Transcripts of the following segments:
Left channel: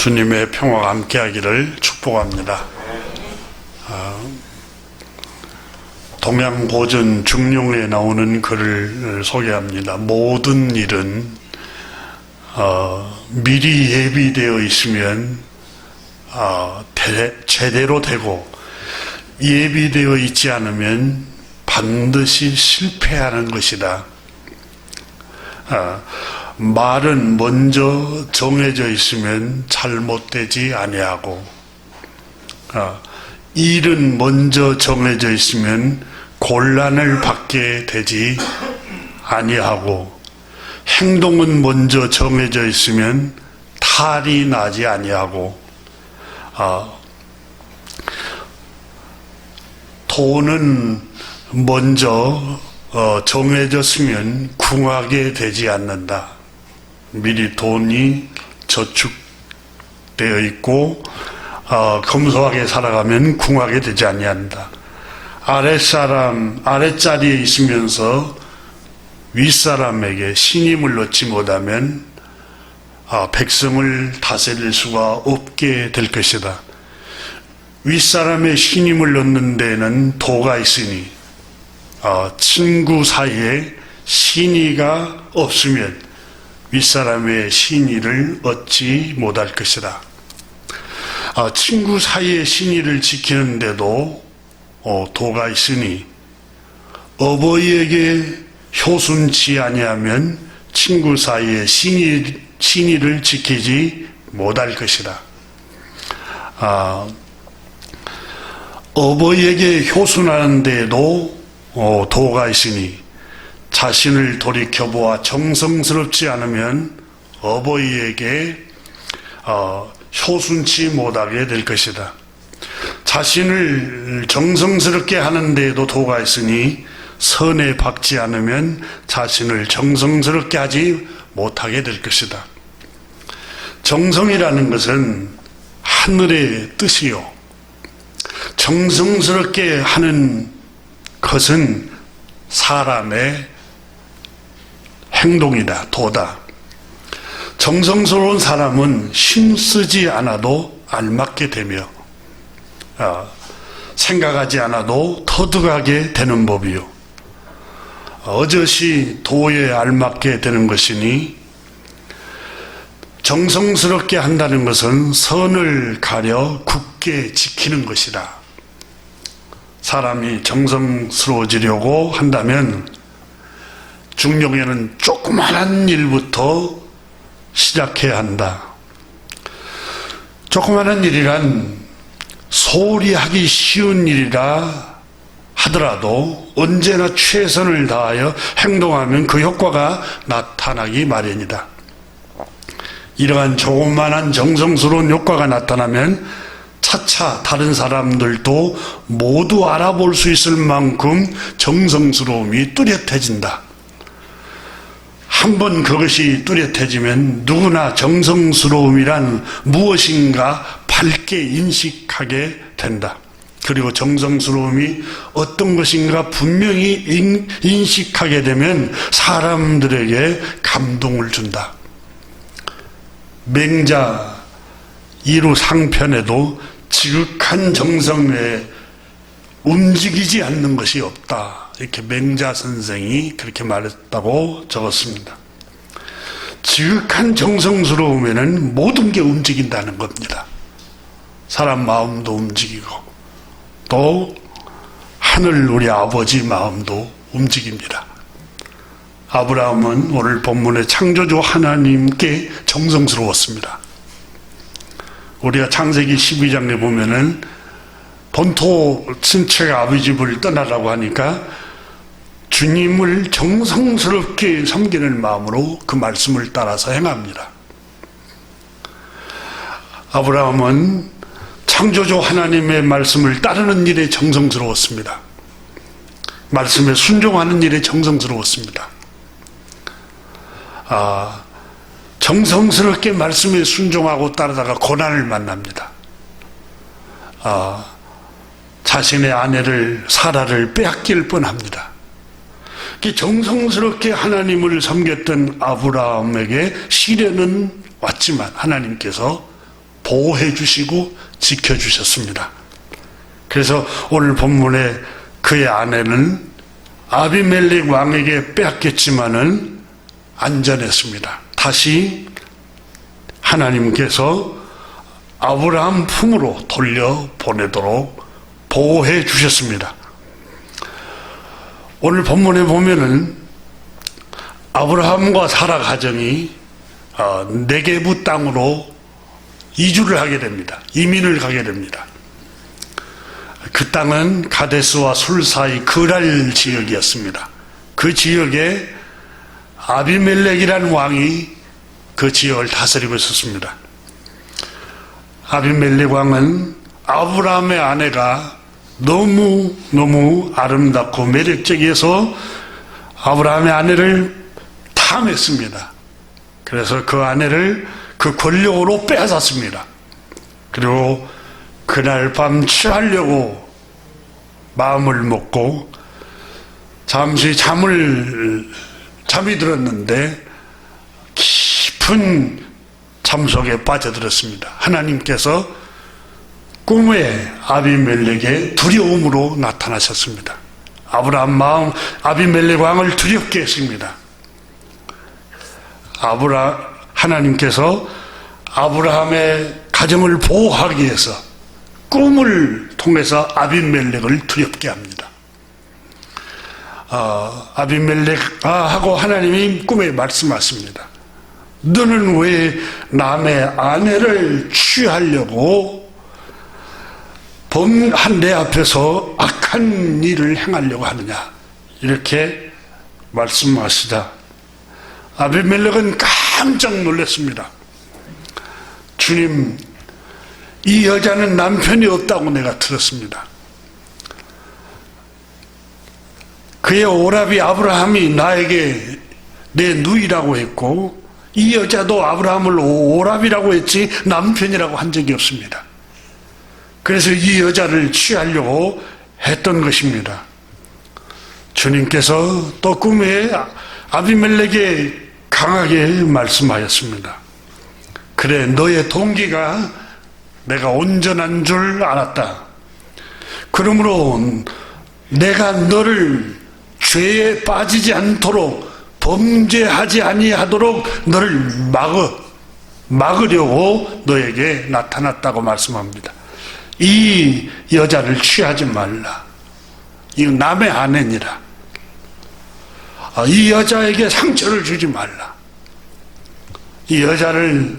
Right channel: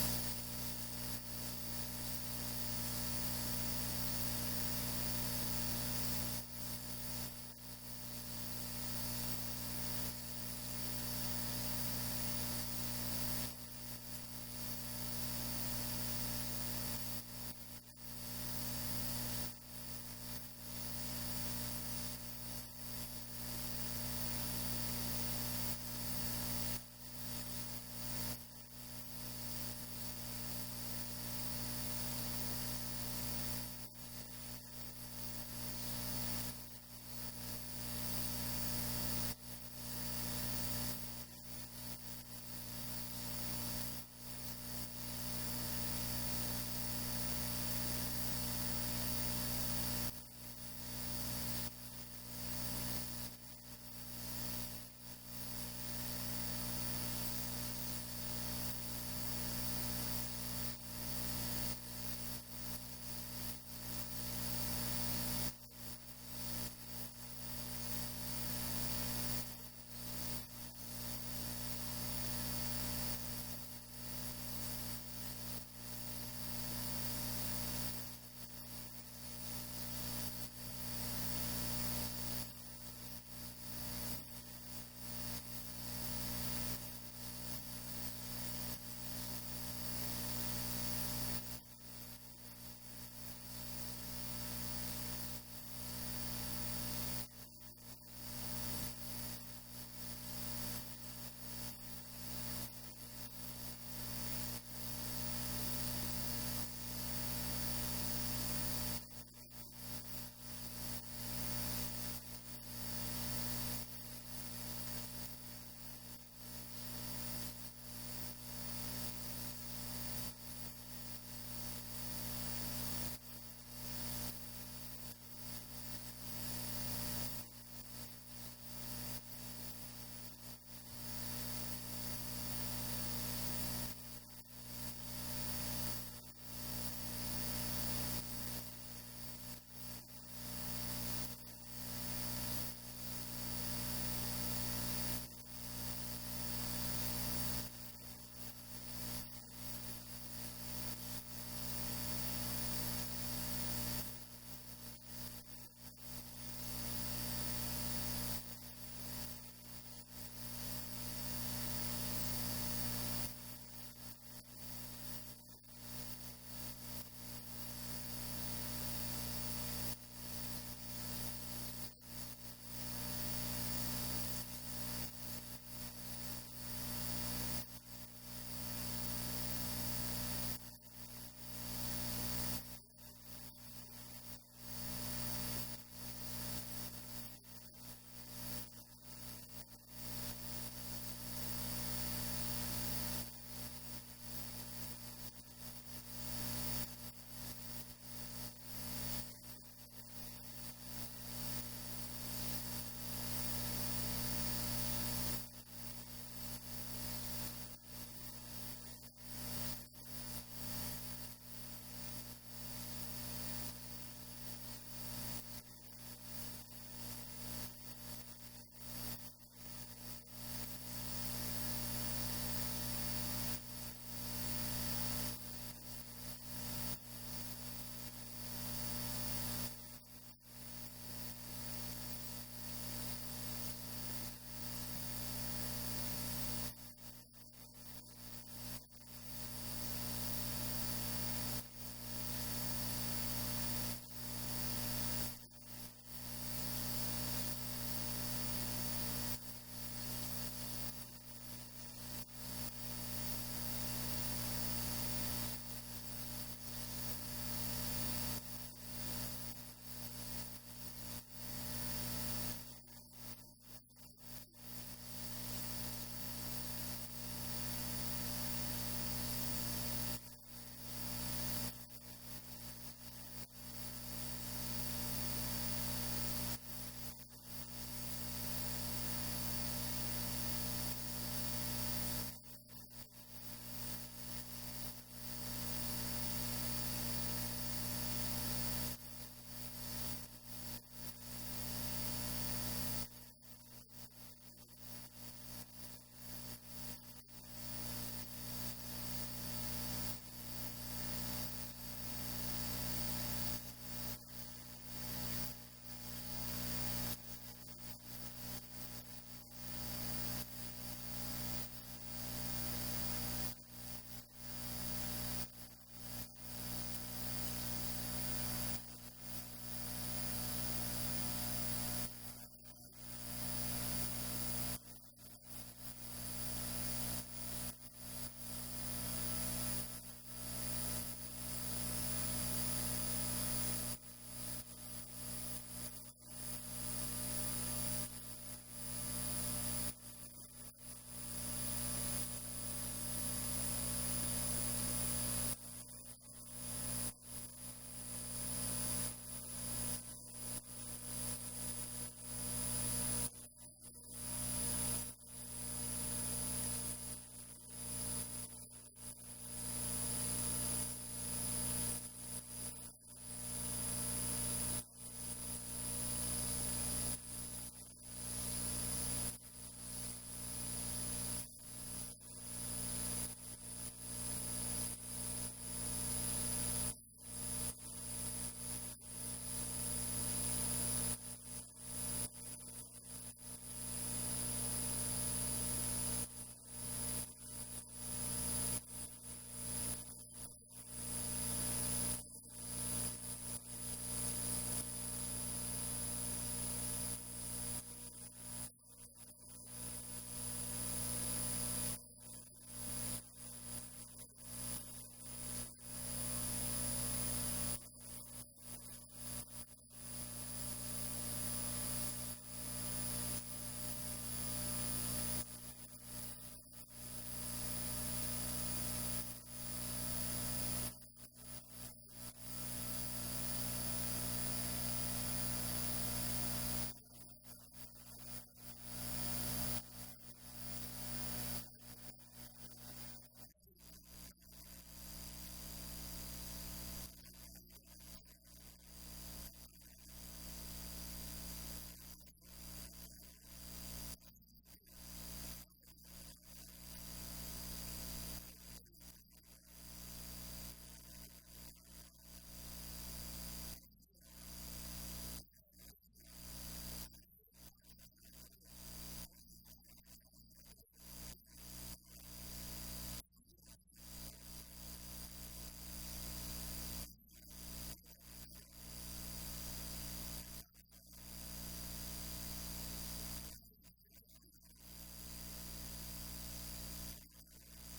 주님의 평화가 함께하기를 축복합니다. 동양보전 중용에 나오는 글을 소개합니다. 모든 일은 미리 예비되어 있으면 제대로 되고, 예비되어 있지 않으면 반드시 실패하는 것이다. 말은 먼저 정해져 있으면 잘못되지 아니하고, 일은 먼저 정해져 있으면 곤란을 받게 되지 아니하고, 행동은 먼저 정해져 있으면 탈이 나지 아니하고, 돈은 먼저 정해졌으면 궁하게 되지 않는다. 미리 돈이 저축되어 있고 검소하게 살아가면 궁하게 되지 아니한다. 아랫자리에 있으면서 윗사람에게 신임을 얻지 못하면 백성을 다스릴 수가 없게 될 것이다. 윗사람의 신임을 얻는 데는 도가 있으니 친구 사이에 신의가 없으면 윗사람의 신의를 얻지 못할 것이다. 친구 사이의 신의를 지키는데도 도가 있으니, 어버이에게 효순치 아니하면 친구 사이의 신의를 지키지 못할 것이다. 어버이에게 효순하는 데에도 도가 있으니, 자신을 돌이켜보아 정성스럽지 않으면 어버이에게 효순치 못하게 될 것이다. 자신을 정성스럽게 하는 데에도 도가 있으니, 선에 박지 않으면 자신을 정성스럽게 하지 못하게 될 것이다. 정성이라는 것은 하늘의 뜻이요, 정성스럽게 하는 것은 사람의 행동이다, 도다. 정성스러운 사람은 힘쓰지 않아도 알맞게 되며, 생각하지 않아도 터득하게 되는 법이요, 어젓이 도에 알맞게 되는 것이니, 정성스럽게 한다는 것은 선을 가려 굳게 지키는 것이다. 사람이 정성스러워지려고 한다면 중용에는 조그마한 일부터 시작해야 한다. 조그마한 일이란 소홀히 하기 쉬운 일이라 하더라도 언제나 최선을 다하여 행동하면 그 효과가 나타나기 마련이다. 이러한 조그마한 정성스러운 효과가 나타나면 차차 다른 사람들도 모두 알아볼 수 있을 만큼 정성스러움이 뚜렷해진다. 한번 그것이 뚜렷해지면 누구나 정성스러움이란 무엇인가 밝게 인식하게 된다. 그리고 정성스러움이 어떤 것인가 분명히 인식하게 되면 사람들에게 감동을 준다. 맹자 2루 상편에도 지극한 정성에 움직이지 않는 것이 없다, 이렇게 맹자 선생이 그렇게 말했다고 적었습니다. 지극한 정성스러움에는 모든 게 움직인다는 겁니다. 사람 마음도 움직이고, 또 하늘 우리 아버지 마음도 움직입니다. 아브라함은 오늘 본문의 창조주 하나님께 정성스러웠습니다. 우리가 창세기 12장에 보면은 본토 친척 아버지 집을 떠나라고 하니까 주님을 정성스럽게 섬기는 마음으로 그 말씀을 따라서 행합니다. 아브라함은 창조주 하나님의 말씀을 따르는 일에 정성스러웠습니다. 말씀에 순종하는 일에 정성스러웠습니다. 정성스럽게 말씀에 순종하고 따르다가 고난을 만납니다. 자신의 아내를 사라를 빼앗길 뻔합니다. 정성스럽게 하나님을 섬겼던 아브라함에게 시련은 왔지만 하나님께서 보호해 주시고 지켜주셨습니다. 그래서 오늘 본문에 그의 아내는 아비멜렉 왕에게 빼앗겼지만은 안전했습니다. 다시 하나님께서 아브라함 품으로 돌려보내도록 보호해 주셨습니다. 오늘 본문에 보면은 아브라함과 사라 가정이 네게부 땅으로 이주를 하게 됩니다. 이민을 가게 됩니다. 그 땅은 가데스와 술 사이 그랄 지역이었습니다. 그 지역에 아비멜렉이라는 왕이 그 지역을 다스리고 있었습니다. 아비멜렉 왕은 아브라함의 아내가 너무 아름답고 매력적이어서 아브라함의 아내를 탐했습니다. 그래서 그 아내를 그 권력으로 빼앗았습니다. 그리고 그날 밤 취하려고 마음을 먹고 잠시 잠이 들었는데 깊은 잠 속에 빠져들었습니다. 하나님께서 꿈에 아비멜렉의 두려움으로 나타나셨습니다. 아비멜렉 왕을 두렵게 했습니다. 하나님께서 아브라함의 가정을 보호하기 위해서 꿈을 통해서 아비멜렉을 두렵게 합니다. 아비멜렉하고 하나님이 꿈에 말씀하십니다. 너는 왜 남의 아내를 취하려고 내 앞에서 악한 일을 행하려고 하느냐, 이렇게 말씀하시자 아비멜렉은 깜짝 놀랐습니다. 주님, 이 여자는 남편이 없다고 내가 들었습니다. 그의 오라비 아브라함이 나에게 내 누이라고 했고, 이 여자도 아브라함을 오라비라고 했지 남편이라고 한 적이 없습니다. 그래서 이 여자를 취하려고 했던 것입니다. 주님께서 또 꿈에 아비멜렉에게 강하게 말씀하였습니다. 그래, 너의 동기가 내가 온전한 줄 알았다. 그러므로 내가 너를 죄에 빠지지 않도록, 범죄하지 아니하도록 너를 막으려고 너에게 나타났다고 말씀합니다. 이 여자를 취하지 말라. 이거 남의 아내니라. 이 여자에게 상처를 주지 말라. 이 여자를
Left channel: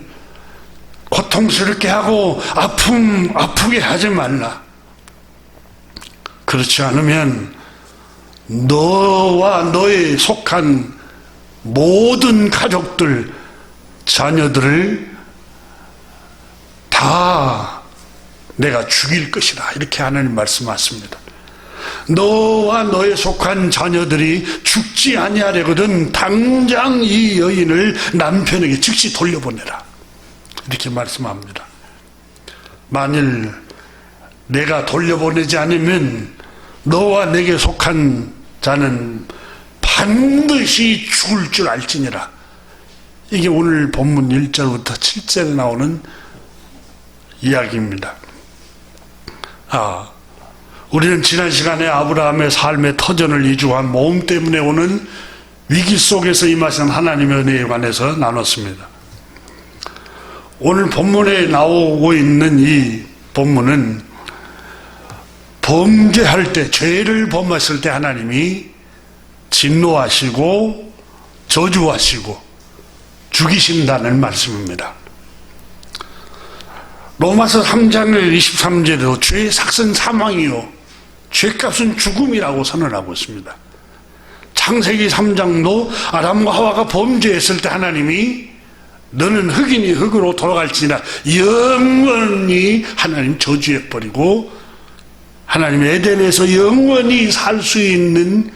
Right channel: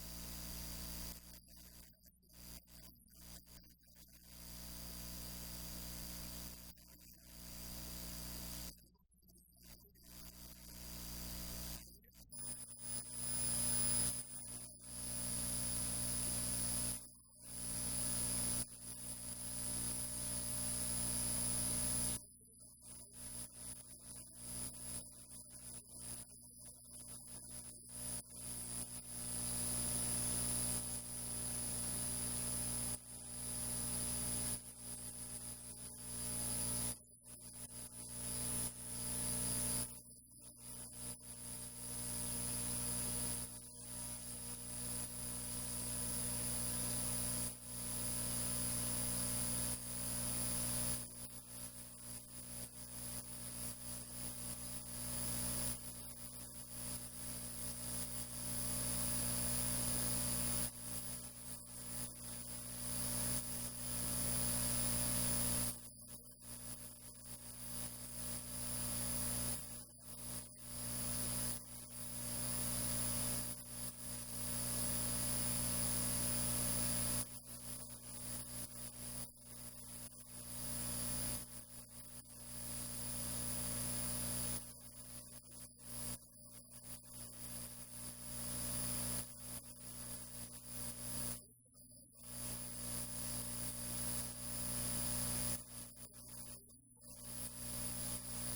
고통스럽게 하고 아프게 하지 말라. 그렇지 않으면 너와 너에 속한 모든 가족들, 자녀들을 다 내가 죽일 것이다. 이렇게 하나님 말씀하십니다. 너와 너에 속한 자녀들이 죽지 아니하려거든 당장 이 여인을 남편에게 즉시 돌려보내라. 이렇게 말씀합니다. 만일 내가 돌려보내지 않으면 너와 내게 속한 자는 반드시 죽을 줄 알지니라. 이게 오늘 본문 1절부터 7절에 나오는 이야기입니다. 우리는 지난 시간에 아브라함의 삶의 터전을 이주한 모험 때문에 오는 위기 속에서 임하신 하나님의 은혜에 관해서 나눴습니다. 오늘 본문에 나오고 있는 이 본문은 범죄할 때, 죄를 범했을 때 하나님이 진노하시고 저주하시고 죽이신다는 말씀입니다. 로마서 3장 23절에도 죄의 삭은 사망이요 죄값은 죽음이라고 선언하고 있습니다. 창세기 3장도 아담과 하와가 범죄했을 때 하나님이 너는 흙이니 흙으로 돌아갈지니라 영원히 하나님 저주해버리고 하나님 에덴에서 영원히 살 수 있는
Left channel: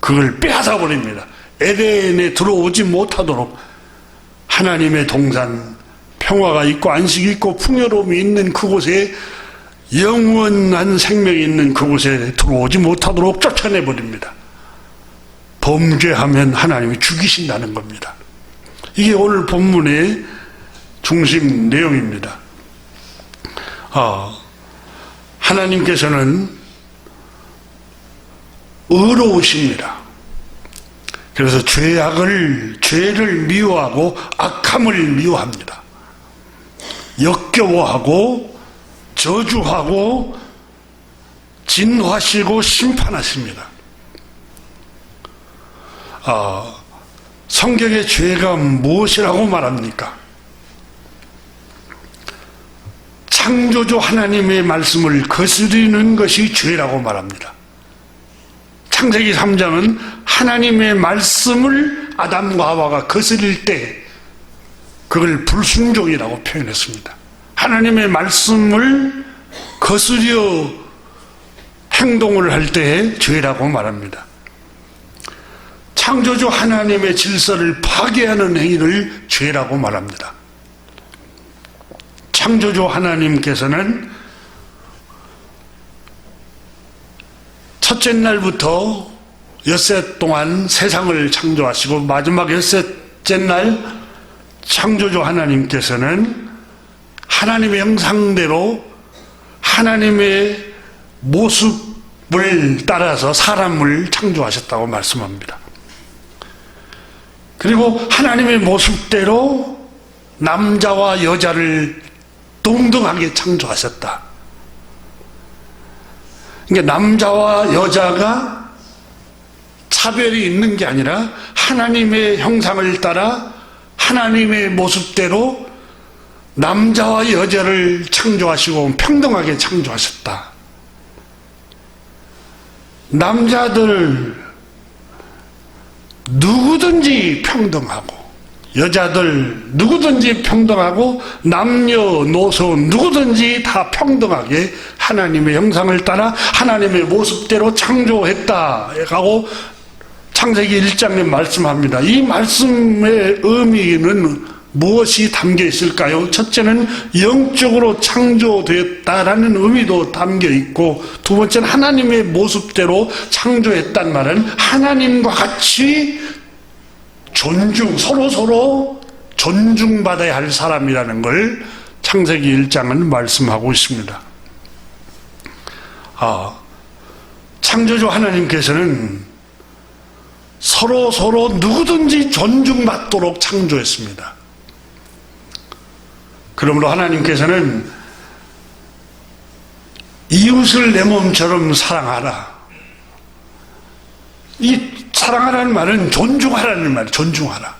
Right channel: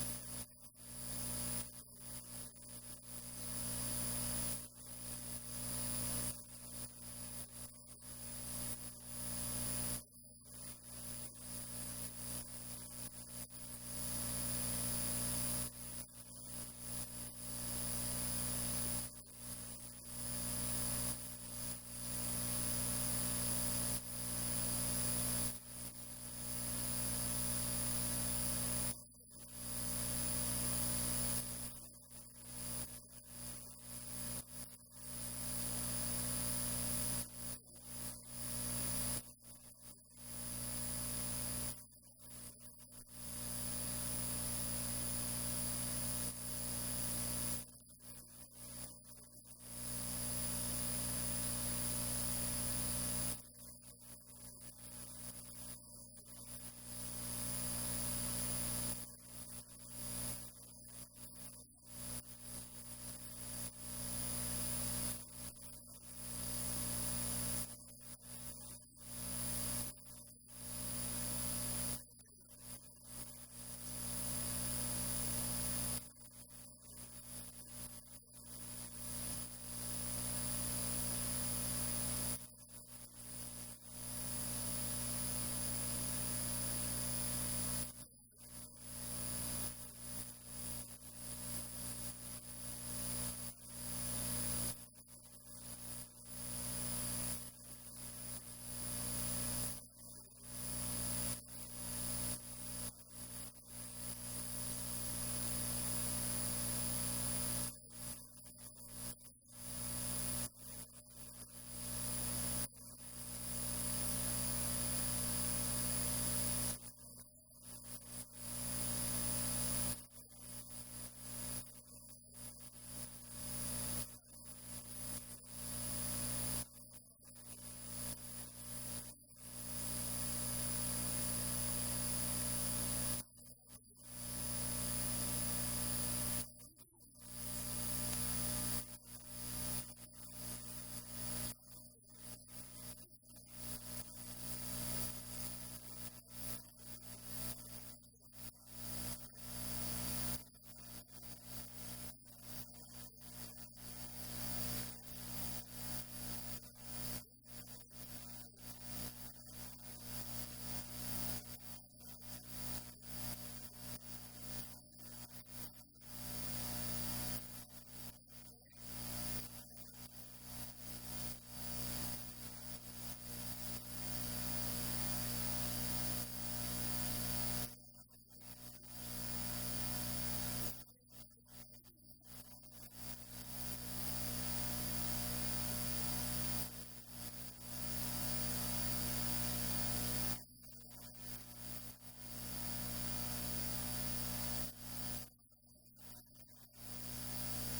그걸 빼앗아 버립니다. 에덴에 들어오지 못하도록 하나님의 동산, 평화가 있고 안식이 있고 풍요로움이 있는 그곳에, 영원한 생명이 있는 그곳에 들어오지 못하도록 쫓아내버립니다. 범죄하면 하나님이 죽이신다는 겁니다. 이게 오늘 본문의 중심 내용입니다. 하나님께서는 의로우십니다. 그래서 죄를 미워하고 악함을 미워합니다. 역겨워하고 저주하고 진노하시고 심판하십니다. 성경의 죄가 무엇이라고 말합니까? 창조주 하나님의 말씀을 거스르는 것이 죄라고 말합니다. 창세기 3장은 하나님의 말씀을 아담과 하와가 거스릴 때 그걸 불순종이라고 표현했습니다. 하나님의 말씀을 거스려 행동을 할 때에 죄라고 말합니다. 창조주 하나님의 질서를 파괴하는 행위를 죄라고 말합니다. 창조주 하나님께서는 첫째 날부터 엿새 동안 세상을 창조하시고 마지막 엿새째 날 창조주 하나님께서는 하나님의 형상대로 하나님의 모습을 따라서 사람을 창조하셨다고 말씀합니다. 그리고 하나님의 모습대로 남자와 여자를 동등하게 창조하셨다. 그러니까 남자와 여자가 차별이 있는 게 아니라 하나님의 형상을 따라 하나님의 모습대로 남자와 여자를 창조하시고 평등하게 창조하셨다. 남자들 누구든지 평등하고 여자들 누구든지 평등하고 남녀노소 누구든지 다 평등하게 하나님의 형상을 따라 하나님의 모습대로 창조했다고 창세기 1장에 말씀합니다. 이 말씀의 의미는 무엇이 담겨 있을까요? 첫째는 영적으로 창조되었다라는 의미도 담겨 있고, 두 번째는 하나님의 모습대로 창조했단 말은 하나님과 같이 서로 존중받아야 할 사람이라는 걸 창세기 1장은 말씀하고 있습니다. 창조주 하나님께서는 서로 누구든지 존중받도록 창조했습니다. 그러므로 하나님께서는 이웃을 내 몸처럼 사랑하라. 이 사랑하라는 말은 존중하라는 말이에요. 존중하라.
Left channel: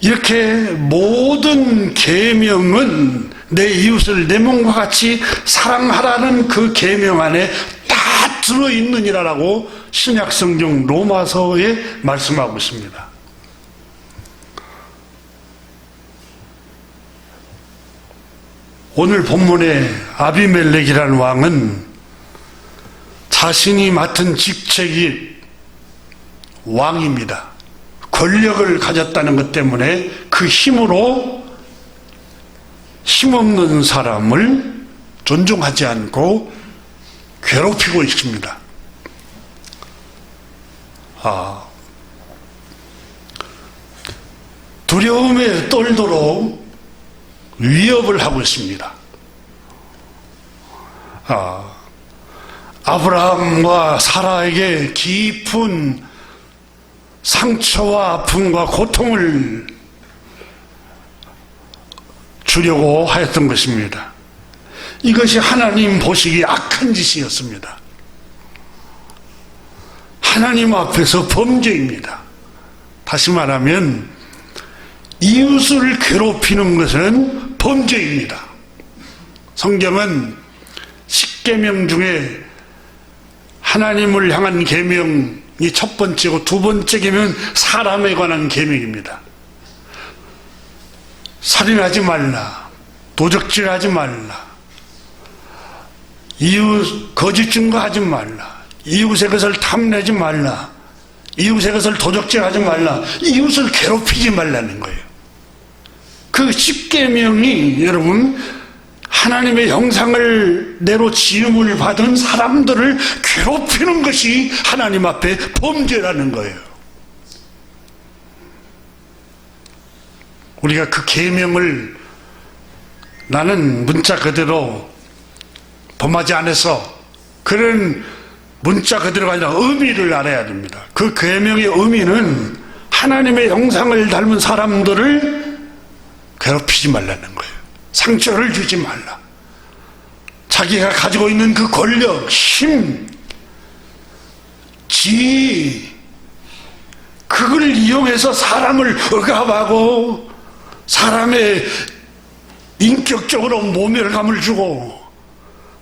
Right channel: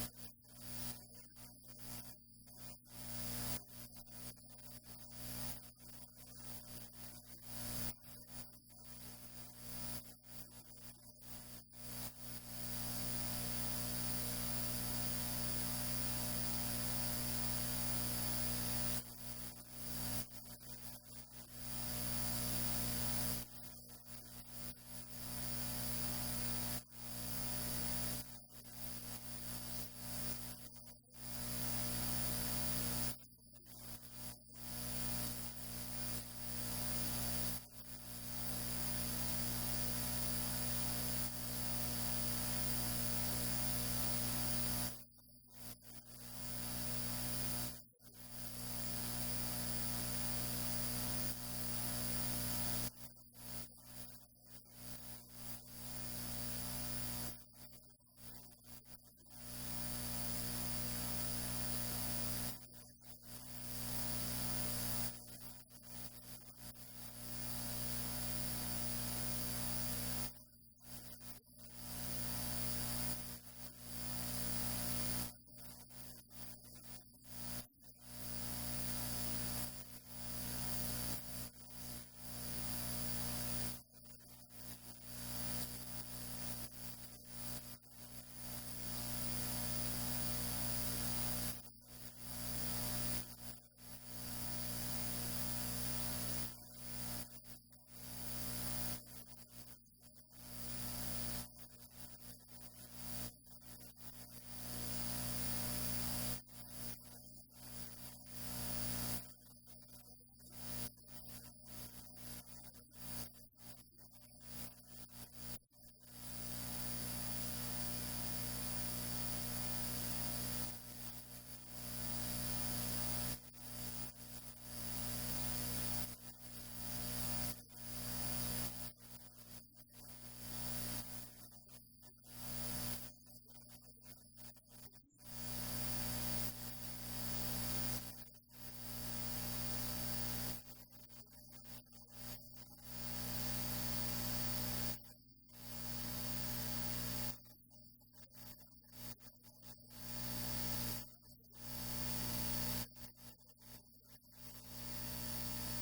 이렇게 모든 계명은 내 이웃을 내 몸과 같이 사랑하라는 그 계명 안에 다 들어있느니라라고 신약성경 로마서에 말씀하고 있습니다. 오늘 본문의 아비멜렉이라는 왕은 자신이 맡은 직책이 왕입니다. 권력을 가졌다는 것 때문에 그 힘으로 힘없는 사람을 존중하지 않고 괴롭히고 있습니다. 두려움에 떨도록 위협을 하고 있습니다. 아브라함과 사라에게 깊은 상처와 아픔과 고통을 주려고 하였던 것입니다. 이것이 하나님 보시기에 악한 짓이었습니다. 하나님 앞에서 범죄입니다. 다시 말하면 이웃을 괴롭히는 것은 범죄입니다. 성경은 10계명 중에 하나님을 향한 계명이 첫 번째고 두 번째 계명은 사람에 관한 계명입니다. 살인하지 말라, 도적질하지 말라, 이웃 거짓 증거하지 말라, 이웃의 것을 탐내지 말라, 이웃의 것을 도적질하지 말라, 이웃을 괴롭히지 말라는 거예요. 그 10계명이 여러분 하나님의 형상을 내로 지음을 받은 사람들을 괴롭히는 것이 하나님 앞에 범죄라는 거예요. 우리가 그 계명을 나는 문자 그대로 범하지 않아서 그런 문자 그대로가 아니라 의미를 알아야 됩니다. 그 계명의 의미는 하나님의 형상을 닮은 사람들을 괴롭히지 말라는 거예요. 상처를 주지 말라. 자기가 가지고 있는 그 권력, 힘, 지위, 그걸 이용해서 사람을 억압하고 사람의 인격적으로 모멸감을 주고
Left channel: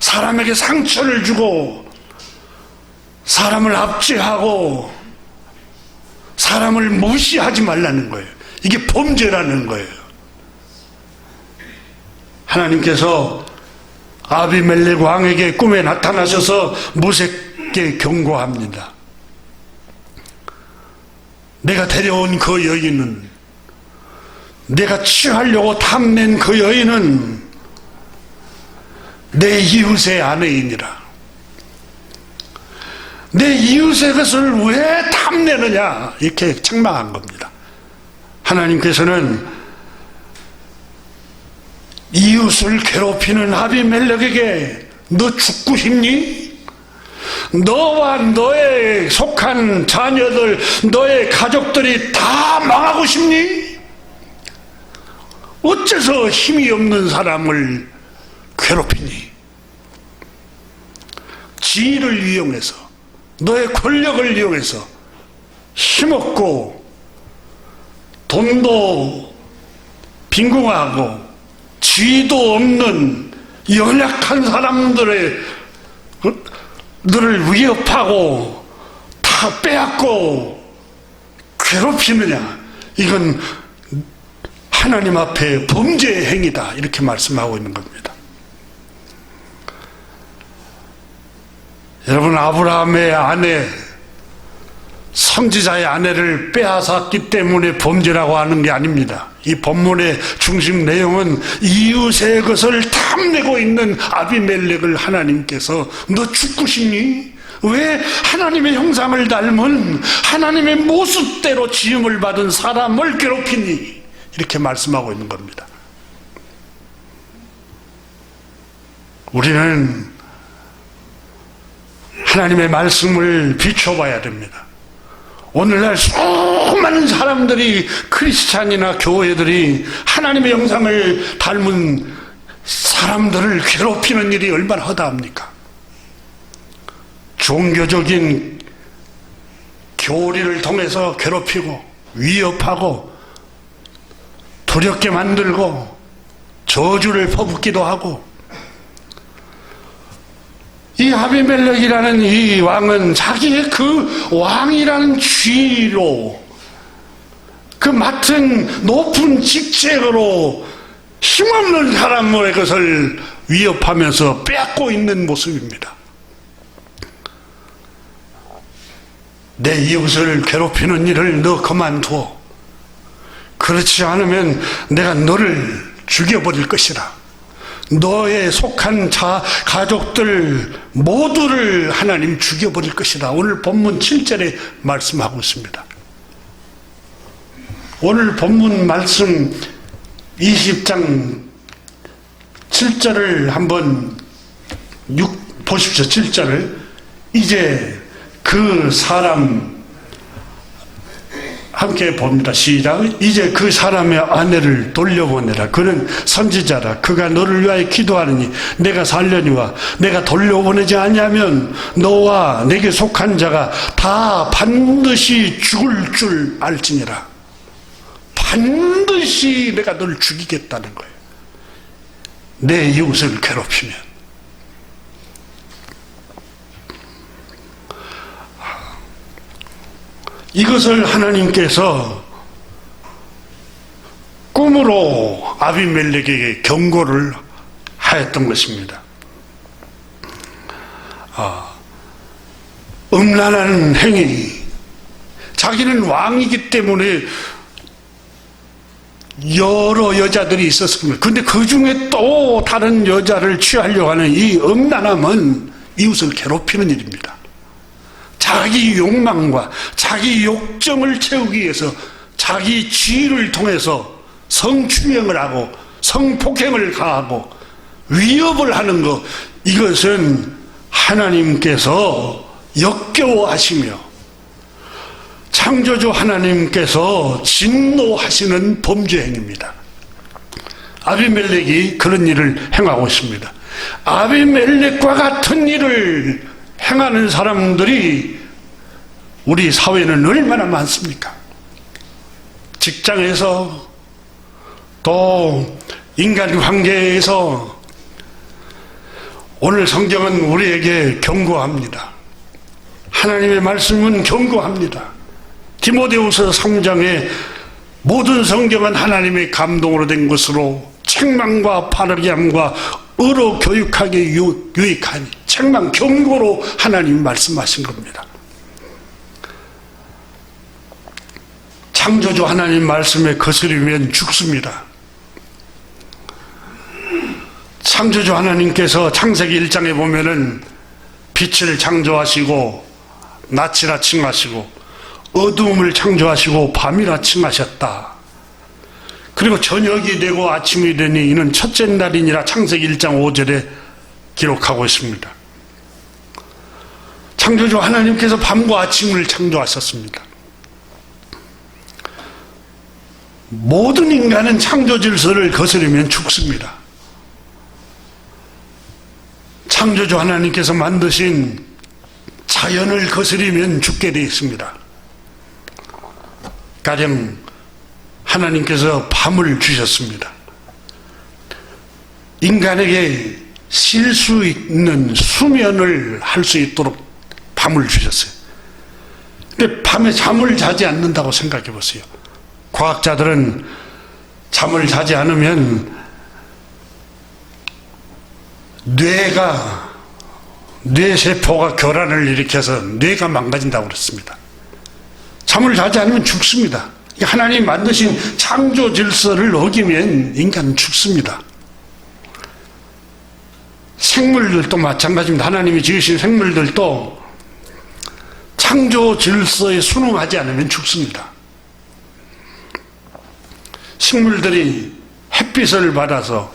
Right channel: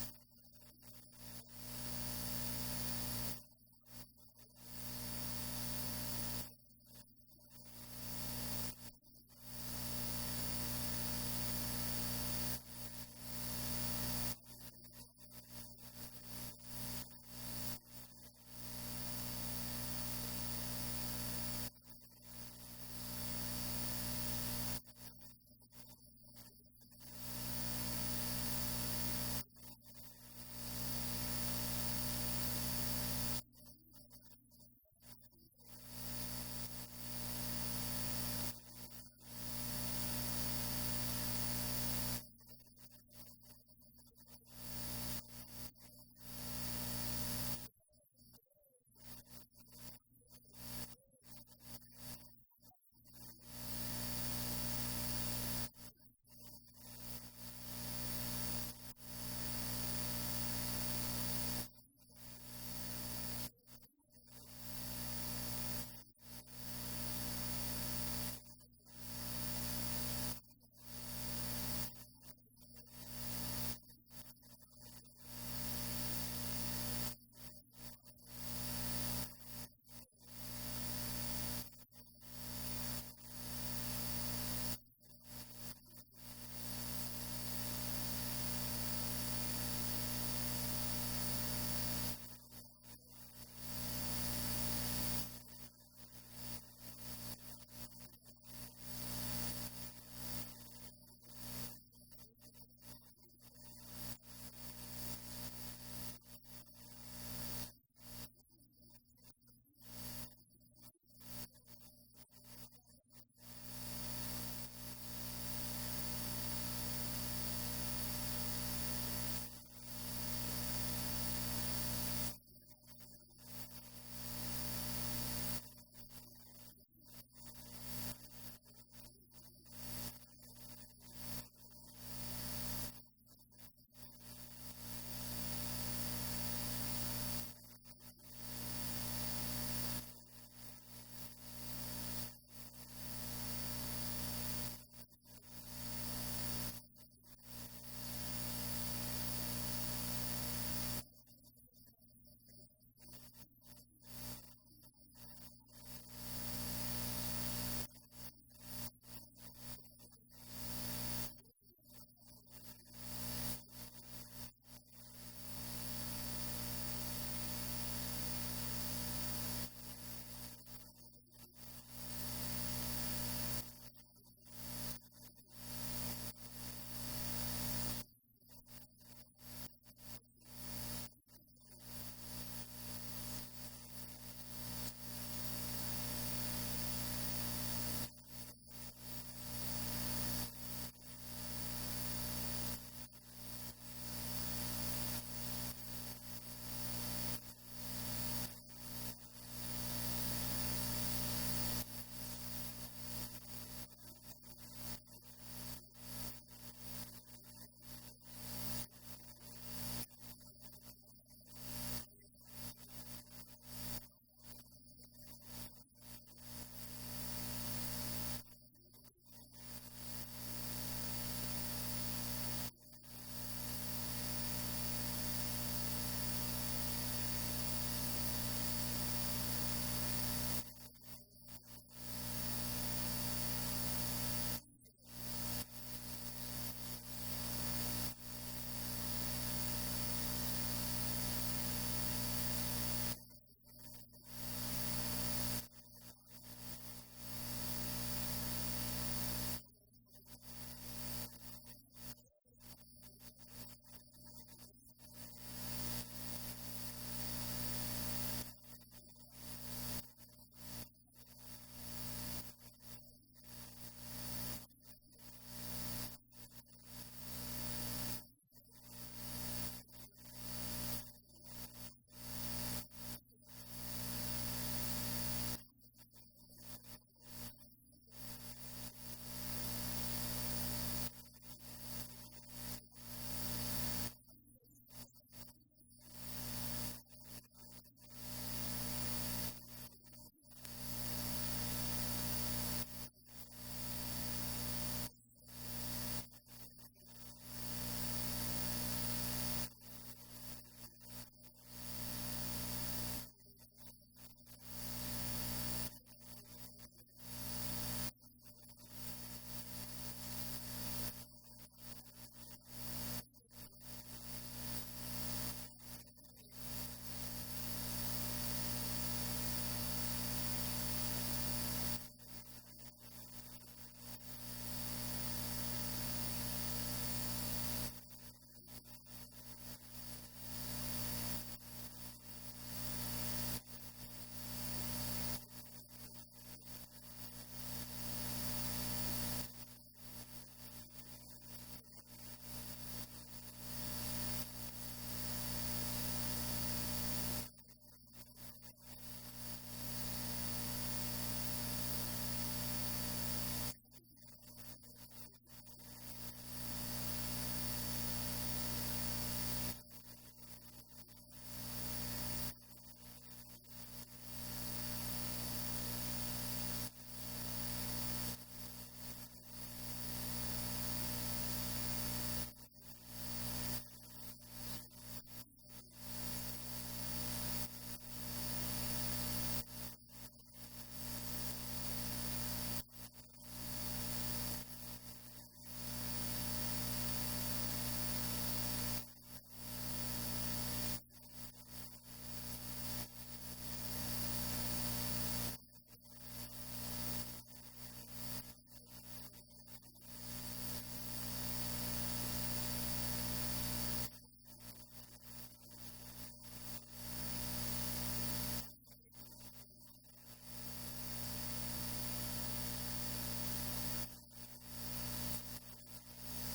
사람에게 상처를 주고 사람을 압제하고 사람을 무시하지 말라는 거예요. 이게 범죄라는 거예요. 하나님께서 아비멜렉 왕에게 꿈에 나타나셔서 모세께 경고합니다. 내가 데려온 그 여인은, 내가 취하려고 탐낸 그 여인은 내 이웃의 아내이니라. 내 이웃의 것을 왜 탐내느냐, 이렇게 책망한 겁니다. 하나님께서는 이웃을 괴롭히는 아비멜렉에게 너 죽고 싶니? 너와 너의 속한 자녀들, 너의 가족들이 다 망하고 싶니? 어째서 힘이 없는 사람을 괴롭히니? 지위를 이용해서, 너의 권력을 이용해서 힘없고 돈도 빈궁하고 지위도 없는 연약한 사람들을 위협하고 다 빼앗고 괴롭히느냐, 이건 하나님 앞에 범죄의 행위다, 이렇게 말씀하고 있는 겁니다. 여러분, 아브라함의 아내, 선지자의 아내를 빼앗았기 때문에 범죄라고 하는 게 아닙니다. 이 본문의 중심 내용은 이웃의 것을 탐내고 있는 아비멜렉을 하나님께서 너 죽고 싶니? 왜 하나님의 형상을 닮은 하나님의 모습대로 지음을 받은 사람을 괴롭히니? 이렇게 말씀하고 있는 겁니다. 우리는 하나님의 말씀을 비춰봐야 됩니다. 오늘날 수많은 사람들이, 크리스찬이나 교회들이 하나님의 형상을 닮은 사람들을 괴롭히는 일이 얼마나 허다합니까? 종교적인 교리를 통해서 괴롭히고 위협하고 두렵게 만들고 저주를 퍼붓기도 하고, 이 아비멜렉이라는 이 왕은 자기의 그 왕이라는 지위로, 그 맡은 높은 직책으로 힘없는 사람의 것을 위협하면서 빼앗고 있는 모습입니다. 내 이웃을 괴롭히는 일을 너 그만두어. 그렇지 않으면 내가 너를 죽여버릴 것이라. 너의 속한 가족들 모두를 하나님 죽여버릴 것이다. 오늘 본문 7절에 말씀하고 있습니다. 오늘 본문 말씀 20장 7절을 한번 보십시오. 7절을. 이제 그 사람 함께 봅니다. 시작. 이제 그 사람의 아내를 돌려보내라. 그는 선지자라. 그가 너를 위하여 기도하느니 내가 살려니와 내가 돌려보내지 아니하면 너와 내게 속한 자가 다 반드시 죽을 줄 알지니라. 반드시 내가 너를 죽이겠다는 거예요. 내 이웃을 괴롭히면. 이것을 하나님께서 꿈으로 아비멜렉에게 경고를 하였던 것입니다. 음란한 행위, 자기는 왕이기 때문에 여러 여자들이 있었습니다. 그런데 그 중에 또 다른 여자를 취하려고 하는 이 음란함은 이웃을 괴롭히는 일입니다. 자기 욕망과 자기 욕정을 채우기 위해서 자기 지위를 통해서 성추행을 하고 성폭행을 가하고 위협을 하는 것, 이것은 하나님께서 역겨워하시며 창조주 하나님께서 진노하시는 범죄 행위입니다. 아비멜렉이 그런 일을 행하고 있습니다. 아비멜렉과 같은 일을 행하는 사람들이 우리 사회는 얼마나 많습니까? 직장에서, 또 인간 관계에서. 오늘 성경은 우리에게 경고합니다. 하나님의 말씀은 경고합니다. 디모데후서 3장에 모든 성경은 하나님의 감동으로 된 것으로 책망과 바르게 함과 의로 교육하게 유익하니, 책망, 경고로 하나님이 말씀하신 겁니다. 창조주 하나님 말씀에 거스르면 죽습니다. 창조주 하나님께서 창세기 1장에 보면은 빛을 창조하시고 낮이라 칭하시고 어두움을 창조하시고 밤이라 칭하셨다. 그리고 저녁이 되고 아침이 되니 이는 첫째 날이니라 창세기 1장 5절에 기록하고 있습니다. 창조주 하나님께서 밤과 아침을 창조하셨습니다. 모든 인간은 창조 질서를 거스르면 죽습니다. 창조주 하나님께서 만드신 자연을 거스르면 죽게 되어 있습니다. 가령 하나님께서 밤을 주셨습니다. 인간에게 쉴 수 있는 수면을 할 수 있도록 밤을 주셨어요. 근데 밤에 잠을 자지 않는다고 생각해 보세요. 과학자들은 잠을 자지 않으면 뇌세포가 교란을 일으켜서 뇌가 망가진다고 그랬습니다. 잠을 자지 않으면 죽습니다. 하나님 만드신 창조 질서를 어기면 인간은 죽습니다. 생물들도 마찬가지입니다. 하나님이 지으신 생물들도 창조 질서에 순응하지 않으면 죽습니다. 식물들이 햇빛을 받아서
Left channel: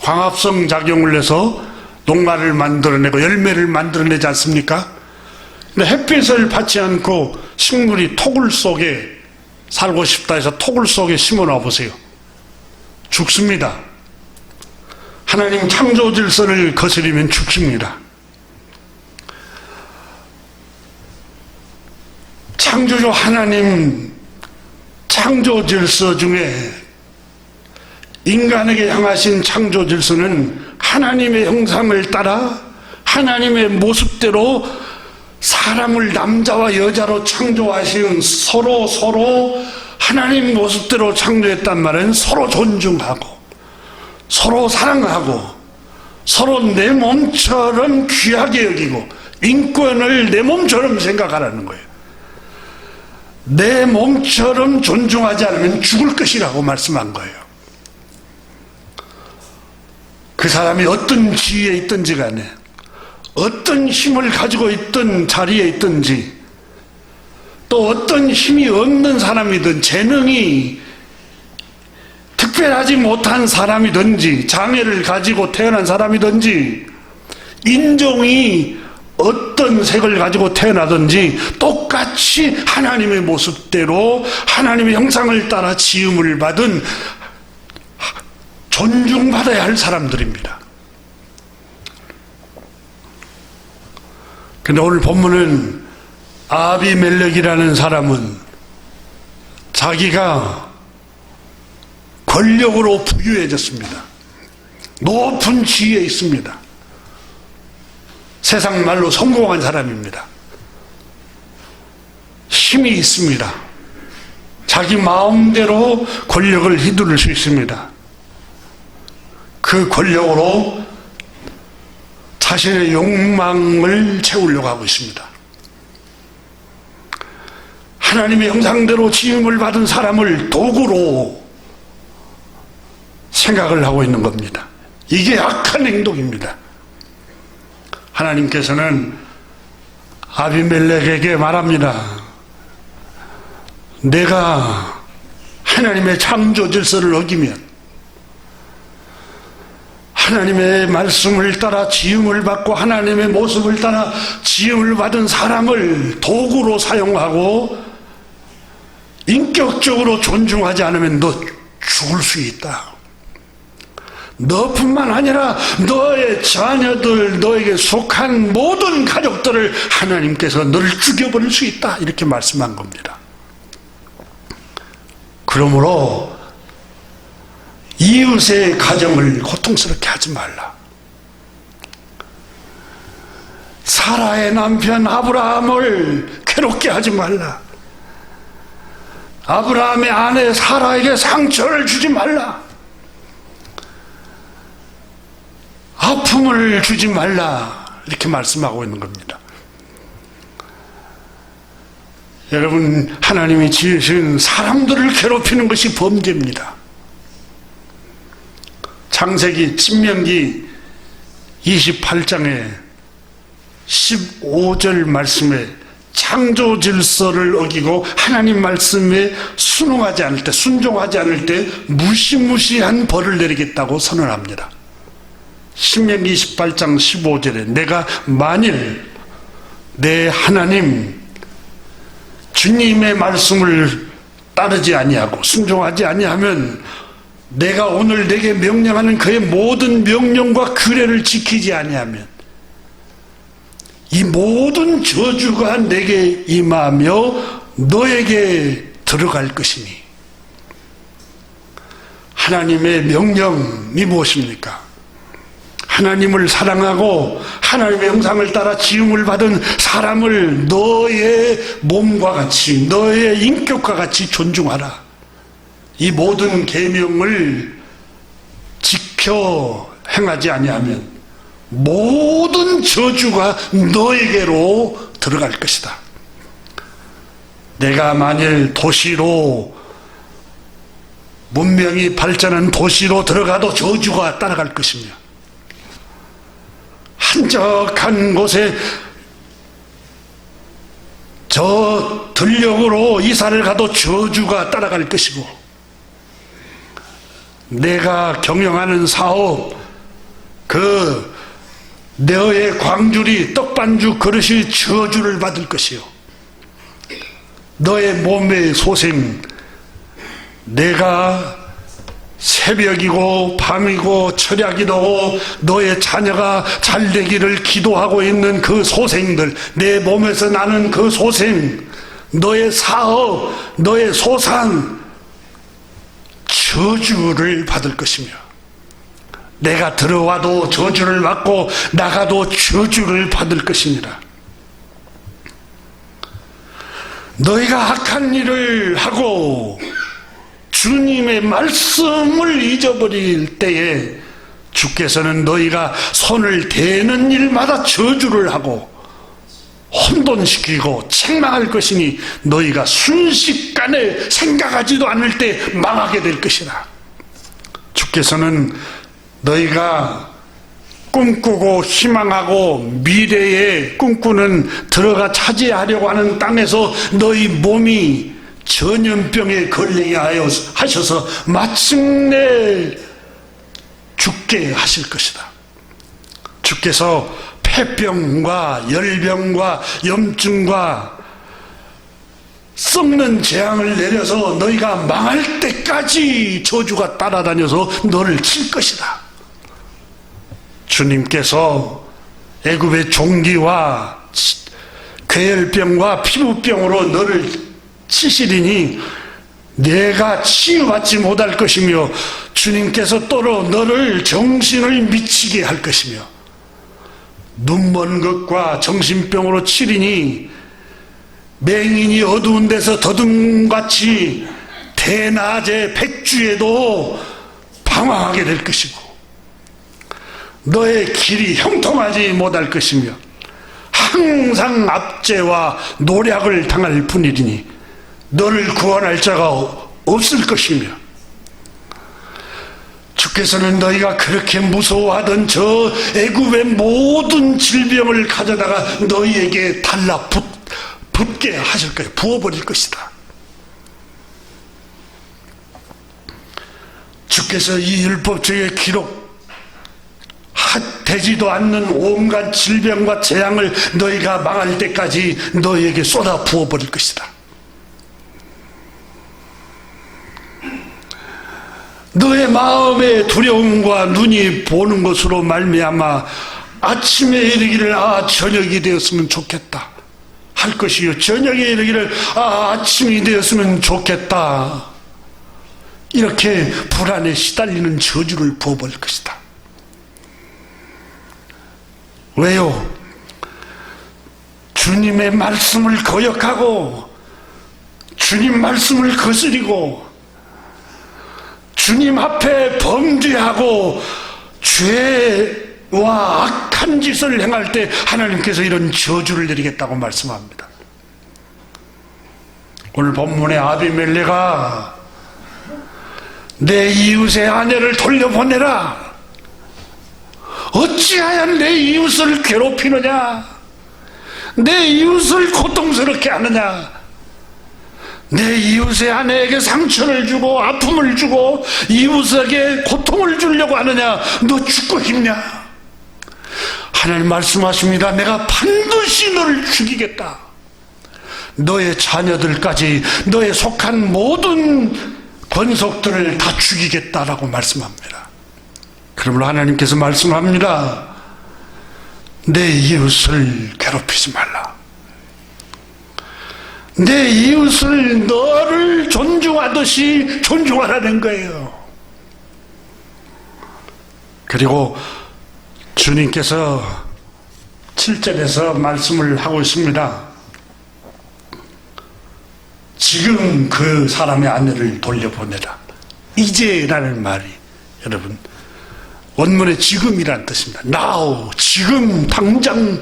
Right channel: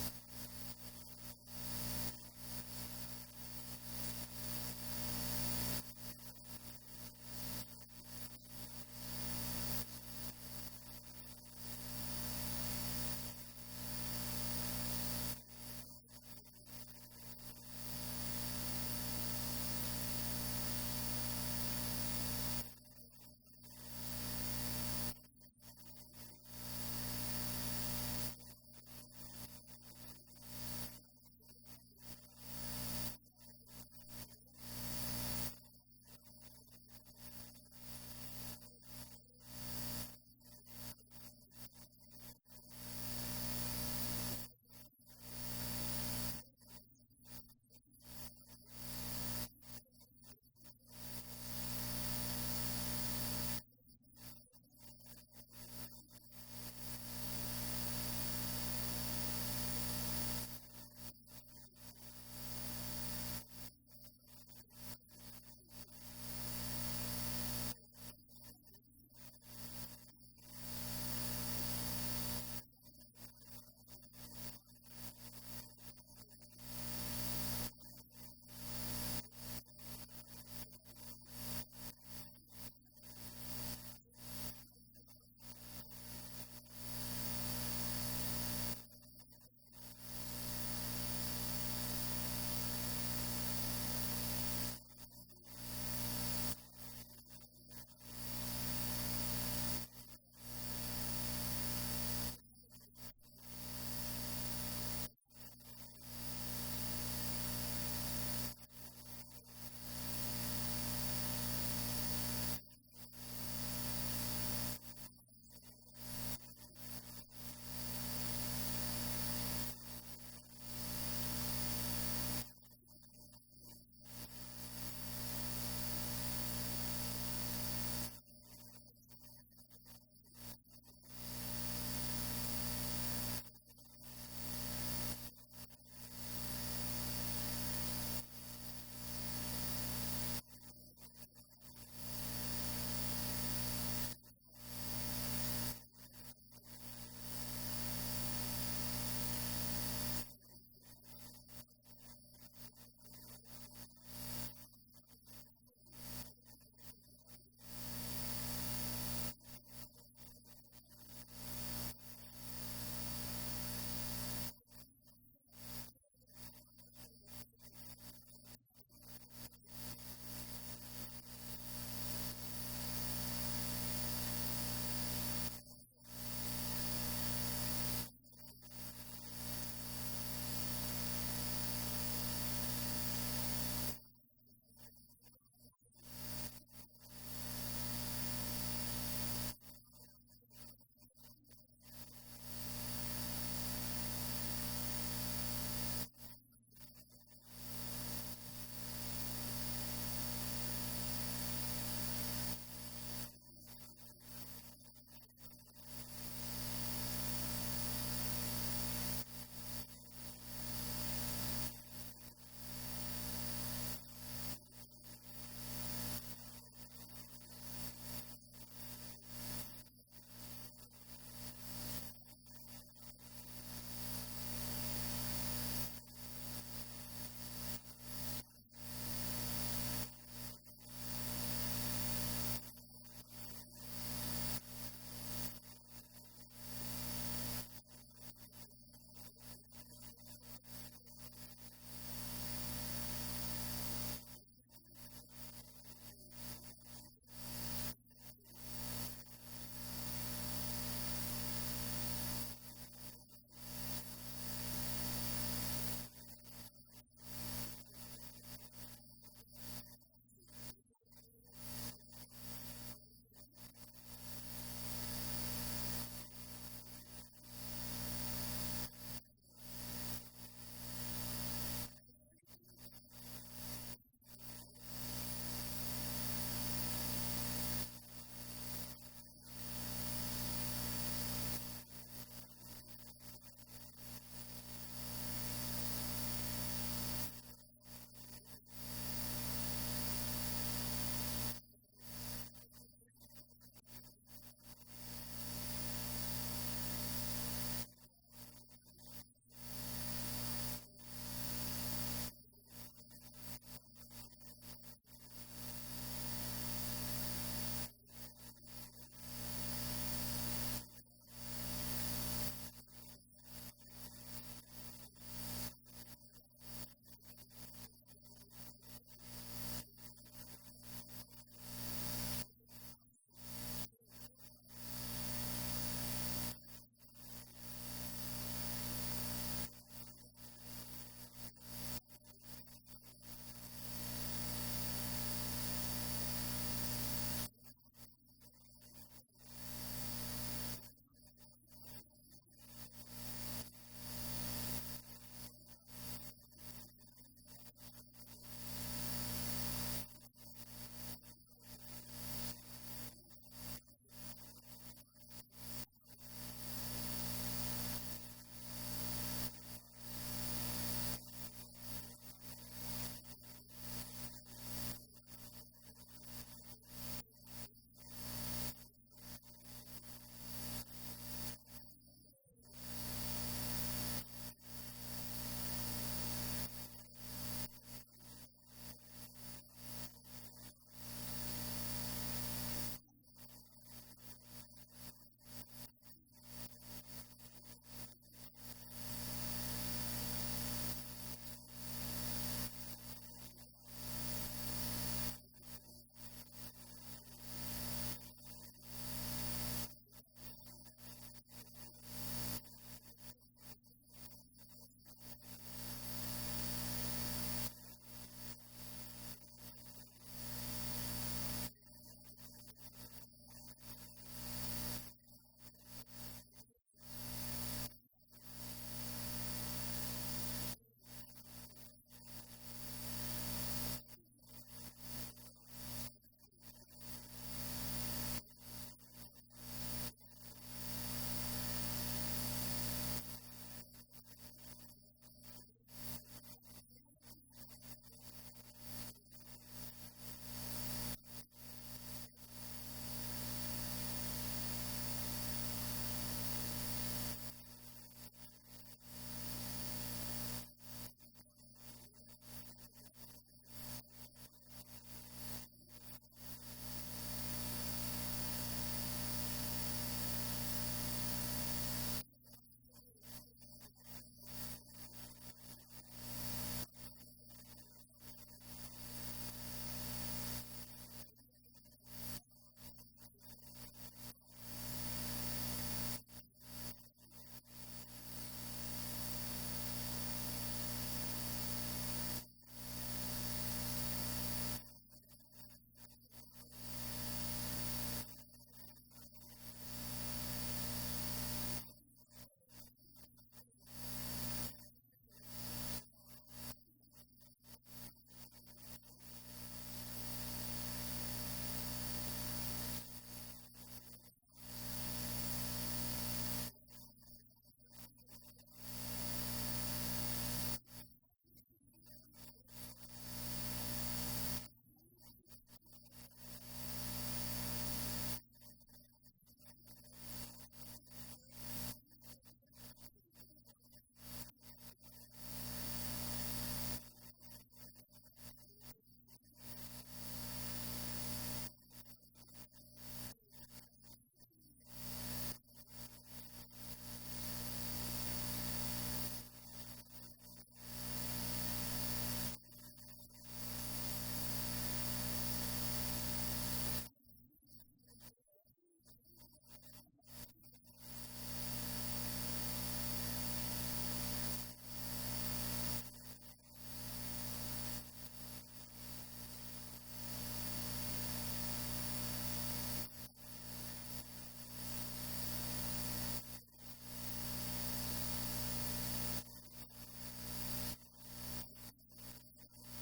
광합성 작용을 해서 농가를 만들어내고 열매를 만들어내지 않습니까? 근데 햇빛을 받지 않고 식물이 토굴 속에 살고 싶다 해서 토굴 속에 심어 놔 보세요. 죽습니다. 하나님 창조 질서를 거스르면 죽습니다. 창조주 하나님 창조 질서 중에 인간에게 향하신 창조 질서는 하나님의 형상을 따라 하나님의 모습대로 사람을 남자와 여자로 창조하신 서로 하나님 모습대로 창조했단 말은 서로 존중하고 서로 사랑하고 서로 내 몸처럼 귀하게 여기고 인권을 내 몸처럼 생각하라는 거예요. 내 몸처럼 존중하지 않으면 죽을 것이라고 말씀한 거예요. 그 사람이 어떤 지위에 있든지 간에 어떤 힘을 가지고 있든 자리에 있든지 또 어떤 힘이 없는 사람이든 재능이 특별하지 못한 사람이든지 장애를 가지고 태어난 사람이든지 인종이 어떤 색을 가지고 태어나든지 똑같이 하나님의 모습대로 하나님의 형상을 따라 지음을 받은 존중받아야 할 사람들입니다. 근데 오늘 본문은 아비멜렉이라는 사람은 자기가 권력으로 부유해졌습니다. 높은 지위에 있습니다. 세상 말로 성공한 사람입니다. 힘이 있습니다. 자기 마음대로 권력을 휘두를 수 있습니다. 그 권력으로 자신의 욕망을 채우려고 하고 있습니다. 하나님의 형상대로 지음을 받은 사람을 도구로 생각을 하고 있는 겁니다. 이게 악한 행동입니다. 하나님께서는 아비멜렉에게 말합니다. 내가 하나님의 창조 질서를 어기면 하나님의 말씀을 따라 지음을 받고 하나님의 모습을 따라 지음을 받은 사람을 도구로 사용하고 인격적으로 존중하지 않으면 너 죽을 수 있다. 너뿐만 아니라 너의 자녀들, 너에게 속한 모든 가족들을 하나님께서 너를 죽여버릴 수 있다. 이렇게 말씀한 겁니다. 그러므로 이웃의 가정을 고통스럽게 하지 말라. 사라의 남편 아브라함을 괴롭게 하지 말라. 아브라함의 아내 사라에게 상처를 주지 말라. 아픔을 주지 말라. 이렇게 말씀하고 있는 겁니다. 여러분, 하나님이 지으신 사람들을 괴롭히는 것이 범죄입니다. 창세기 신명기 28장에 15절 말씀에 창조 질서를 어기고 하나님 말씀에 순종하지 않을 때 무시무시한 벌을 내리겠다고 선언합니다. 신명기 28장 15절에 내가 만일 내 하나님 주님의 말씀을 따르지 아니하고 순종하지 아니하면 내가 오늘 내게 명령하는 그의 모든 명령과 규례를 지키지 아니하면 이 모든 저주가 내게 임하며 너에게 들어갈 것이니. 하나님의 명령이 무엇입니까? 하나님을 사랑하고 하나님의 형상을 따라 지음을 받은 사람을 너의 몸과 같이, 너의 인격과 같이 존중하라. 이 모든 계명을 지켜 행하지 아니하면 모든 저주가 너에게로 들어갈 것이다. 내가 만일 도시로, 문명이 발전한 도시로 들어가도 저주가 따라갈 것이며, 한적한 곳에 저 들녘으로 이사를 가도 저주가 따라갈 것이고, 내가 경영하는 사업, 너의 광주리, 떡반죽 그릇이 저주를 받을 것이요. 너의 몸의 소생, 내가 새벽이고 밤이고 철야기도고 너의 자녀가 잘되기를 기도하고 있는 그 소생들, 내 몸에서 나는 그 소생, 너의 사업, 너의 소산, 저주를 받을 것이며, 내가 들어와도 저주를 받고 나가도 저주를 받을 것입니다. 너희가 악한 일을 하고 주님의 말씀을 잊어버릴 때에 주께서는 너희가 손을 대는 일마다 저주를 하고 혼돈시키고 책망할 것이니 너희가 순식간에 생각하지도 않을 때 망하게 될 것이라. 주께서는 너희가 꿈꾸고 희망하고 미래에 꿈꾸는 들어가 차지하려고 하는 땅에서 너희 몸이 전염병에 걸리게 하셔서 마침내 죽게 하실 것이다. 주께서 폐병과 열병과 염증과 썩는 재앙을 내려서 너희가 망할 때까지 저주가 따라다녀서 너를 칠 것이다. 주님께서 애굽의 종기와 괴혈병과 피부병으로 너를 치시리니 내가 치유받지 못할 것이며 주님께서 또로 너를 정신을 미치게 할 것이며 눈먼 것과 정신병으로 치리니 맹인이 어두운 데서 더듬같이 대낮에 백주에도 방황하게 될 것이고 너의 길이 형통하지 못할 것이며 항상 압제와 노략을 당할 뿐이니 너를 구원할 자가 없을 것이며 주께서는 너희가 그렇게 무서워하던 저 애굽의 모든 질병을 가져다가 너희에게 달라붙게 하실 거예요. 부어버릴 것이다. 주께서 이 율법책에 되지도 않는 온갖 질병과 재앙을 너희가 망할 때까지 너희에게 쏟아 부어버릴 것이다. 너의 마음의 두려움과 눈이 보는 것으로 말미암아 아침에 이르기를 저녁이 되었으면 좋겠다 할 것이요, 저녁에 이르기를 아침이 되었으면 좋겠다, 이렇게 불안에 시달리는 저주를 부어버릴 것이다. 왜요? 주님의 말씀을 거역하고 주님 말씀을 거스리고 주님 앞에 범죄하고 죄와 악한 짓을 행할 때 하나님께서 이런 저주를 내리겠다고 말씀합니다. 오늘 본문의 아비멜레가 내 이웃의 아내를 돌려보내라, 어찌하여 내 이웃을 괴롭히느냐, 내 이웃을 고통스럽게 하느냐, 내 이웃의 아내에게 상처를 주고 아픔을 주고 이웃에게 고통을 주려고 하느냐, 너 죽고 싶냐? 하나님 말씀하십니다. 내가 반드시 너를 죽이겠다. 너의 자녀들까지, 너의 속한 모든 권속들을 다 죽이겠다라고 말씀합니다. 그러므로 하나님께서 말씀합니다. 내 이웃을 괴롭히지 말라. 내 이웃을 너를 존중하듯이 존중하라는 거예요. 그리고 주님께서 7절에서 말씀을 하고 있습니다. 지금 그 사람의 아내를 돌려보내라. 이제라는 말이 여러분 원문의 지금이라는 뜻입니다. Now, 지금 당장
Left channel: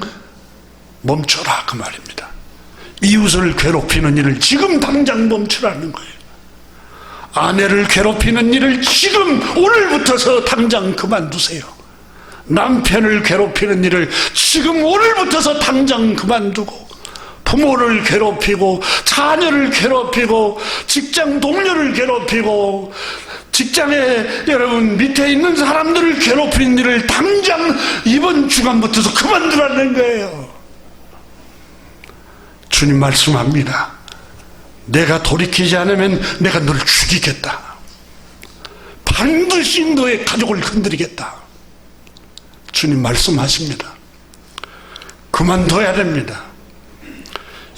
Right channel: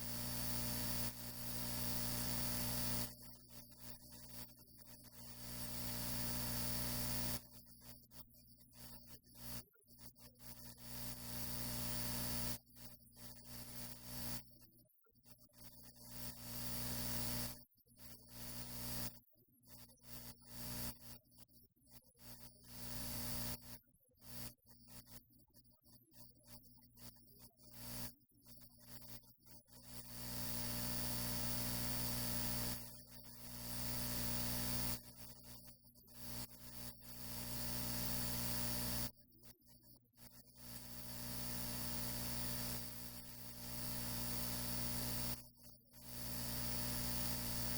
멈춰라, 그 말입니다. 이웃을 괴롭히는 일을 지금 당장 멈추라는 거예요. 아내를 괴롭히는 일을 지금 오늘부터서 당장 그만두세요. 남편을 괴롭히는 일을 지금 오늘부터서 당장 그만두고, 부모를 괴롭히고 자녀를 괴롭히고 직장 동료를 괴롭히고 직장에 여러분 밑에 있는 사람들을 괴롭히는 일을 당장 이번 주간부터서 그만두라는 거예요. 주님 말씀합니다. 내가 돌이키지 않으면 내가 너를 죽이겠다. 반드시 너의 가족을 건드리겠다. 주님 말씀하십니다. 그만둬야 됩니다.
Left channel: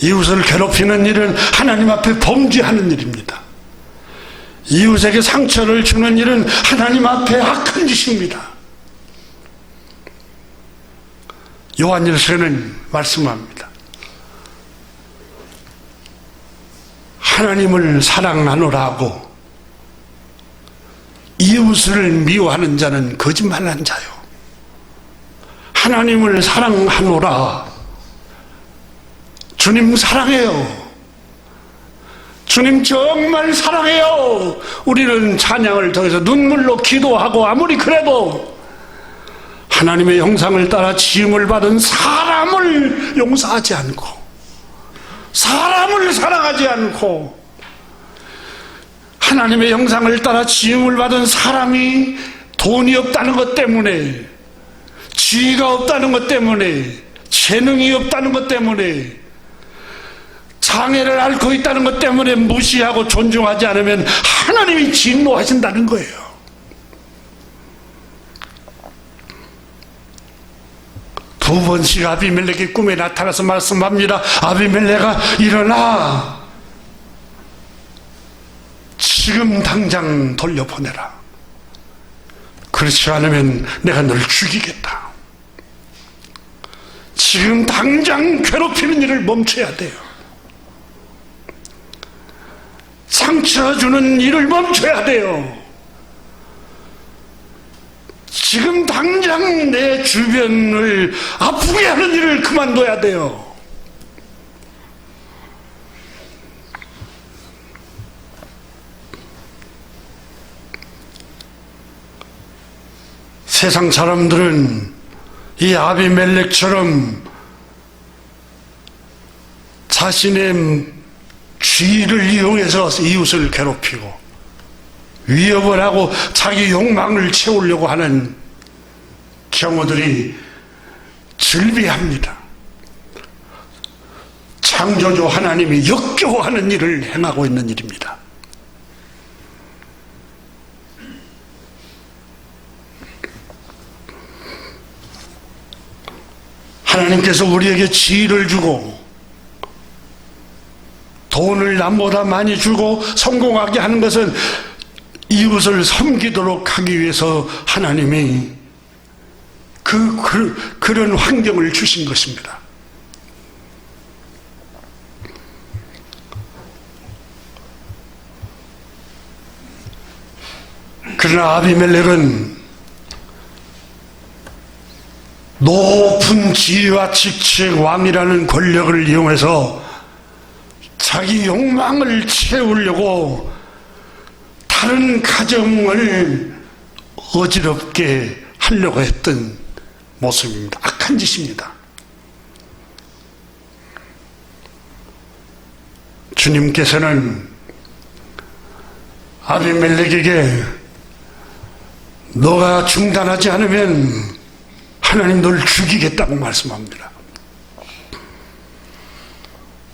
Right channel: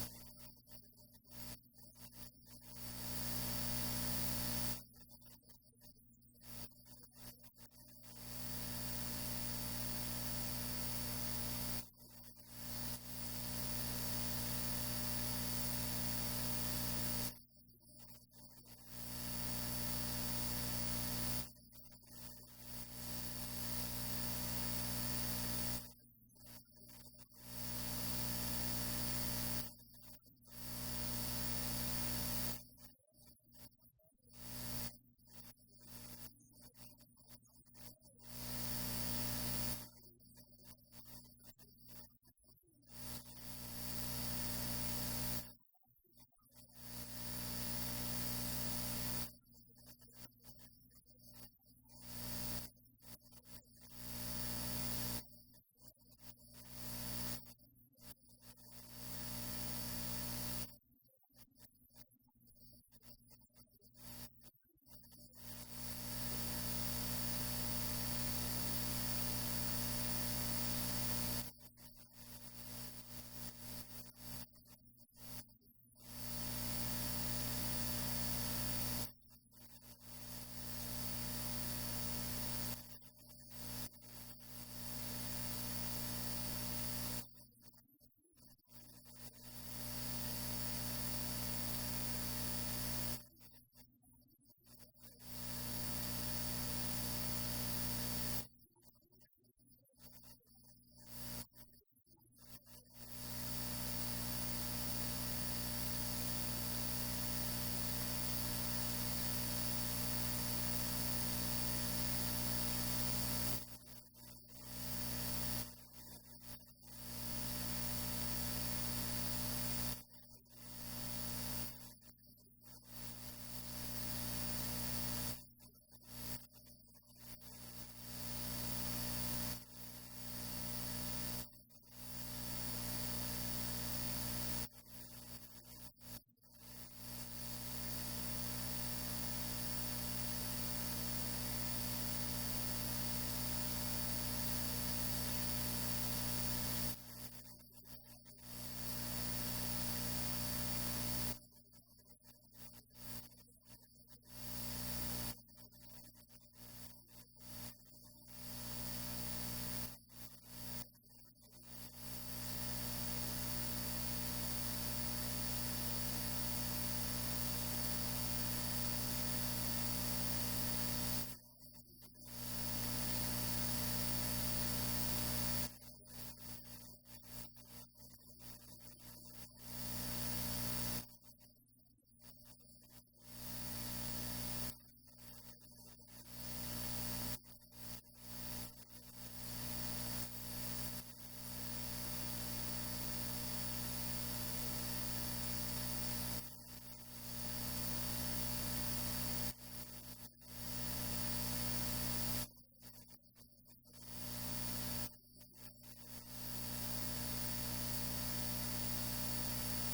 이웃을 괴롭히는 일은 하나님 앞에 범죄하는 일입니다. 이웃에게 상처를 주는 일은 하나님 앞에 악한 짓입니다. 요한일서는 말씀합니다. 하나님을 사랑하노라 하고 이웃을 미워하는 자는 거짓말한 자요. 하나님을 사랑하노라. 주님 사랑해요. 주님 정말 사랑해요. 우리는 찬양을 통해서 눈물로 기도하고 아무리 그래도 하나님의 형상을 따라 지음을 받은 사람을 용서하지 않고, 사람을 사랑하지 않고, 하나님의 형상을 따라 지음을 받은 사람이 돈이 없다는 것 때문에, 지위가 없다는 것 때문에, 재능이 없다는 것 때문에, 장애를 앓고 있다는 것 때문에 무시하고 존중하지 않으면 하나님이 진노하신다는 거예요. 두 번씩 아비멜렉이 꿈에 나타나서 말씀합니다. 아비멜렉아 일어나, 지금 당장 돌려보내라. 그렇지 않으면 내가 너를 죽이겠다. 지금 당장 괴롭히는 일을 멈춰야 돼요. 상처 주는 일을 멈춰야 돼요. 지금 당장 내 주변을 아프게 하는 일을 그만둬야 돼요. 세상 사람들은 이 아비멜렉처럼 자신의 지위를 이용해서 이웃을 괴롭히고 위협을 하고 자기 욕망을 채우려고 하는 경우들이 즐비합니다. 창조주 하나님이 역겨워하는 일을 행하고 있는 일입니다. 하나님께서 우리에게 지혜를 주고 돈을 남보다 많이 주고 성공하게 하는 것은 이웃을 섬기도록 하기 위해서 하나님이 그런 환경을 주신 것입니다. 그러나 아비멜렉은 높은 지위와 직책, 왕이라는 권력을 이용해서 자기 욕망을 채우려고 다른 가정을 어지럽게 하려고 했던 모습입니다. 악한 짓입니다. 주님께서는 아비멜렉에게 너가 중단하지 않으면 하나님 너를 죽이겠다고 말씀합니다.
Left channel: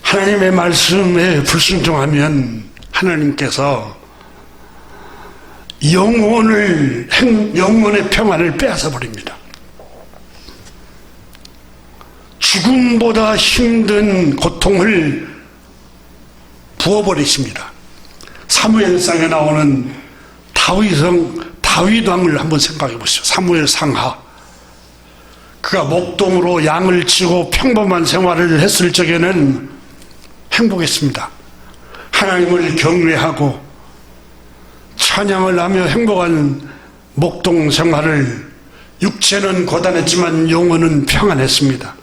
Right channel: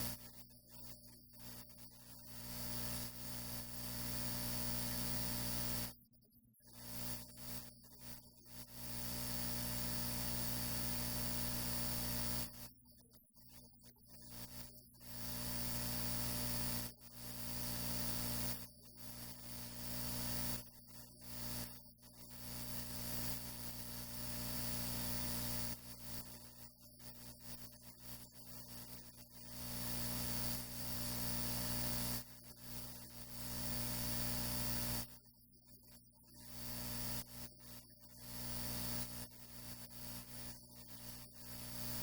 하나님의 말씀에 불순종하면 하나님께서 영혼의 평안을 빼앗아 버립니다. 죽음보다 힘든 고통을 부어버리십니다. 사무엘상에 나오는 다윗 왕을 한번 생각해 보시죠. 사무엘 상하. 그가 목동으로 양을 치고 평범한 생활을 했을 적에는 행복했습니다. 하나님을 경외하고 찬양을 하며 행복한 목동 생활을, 육체는 고단했지만 영혼은 평안했습니다.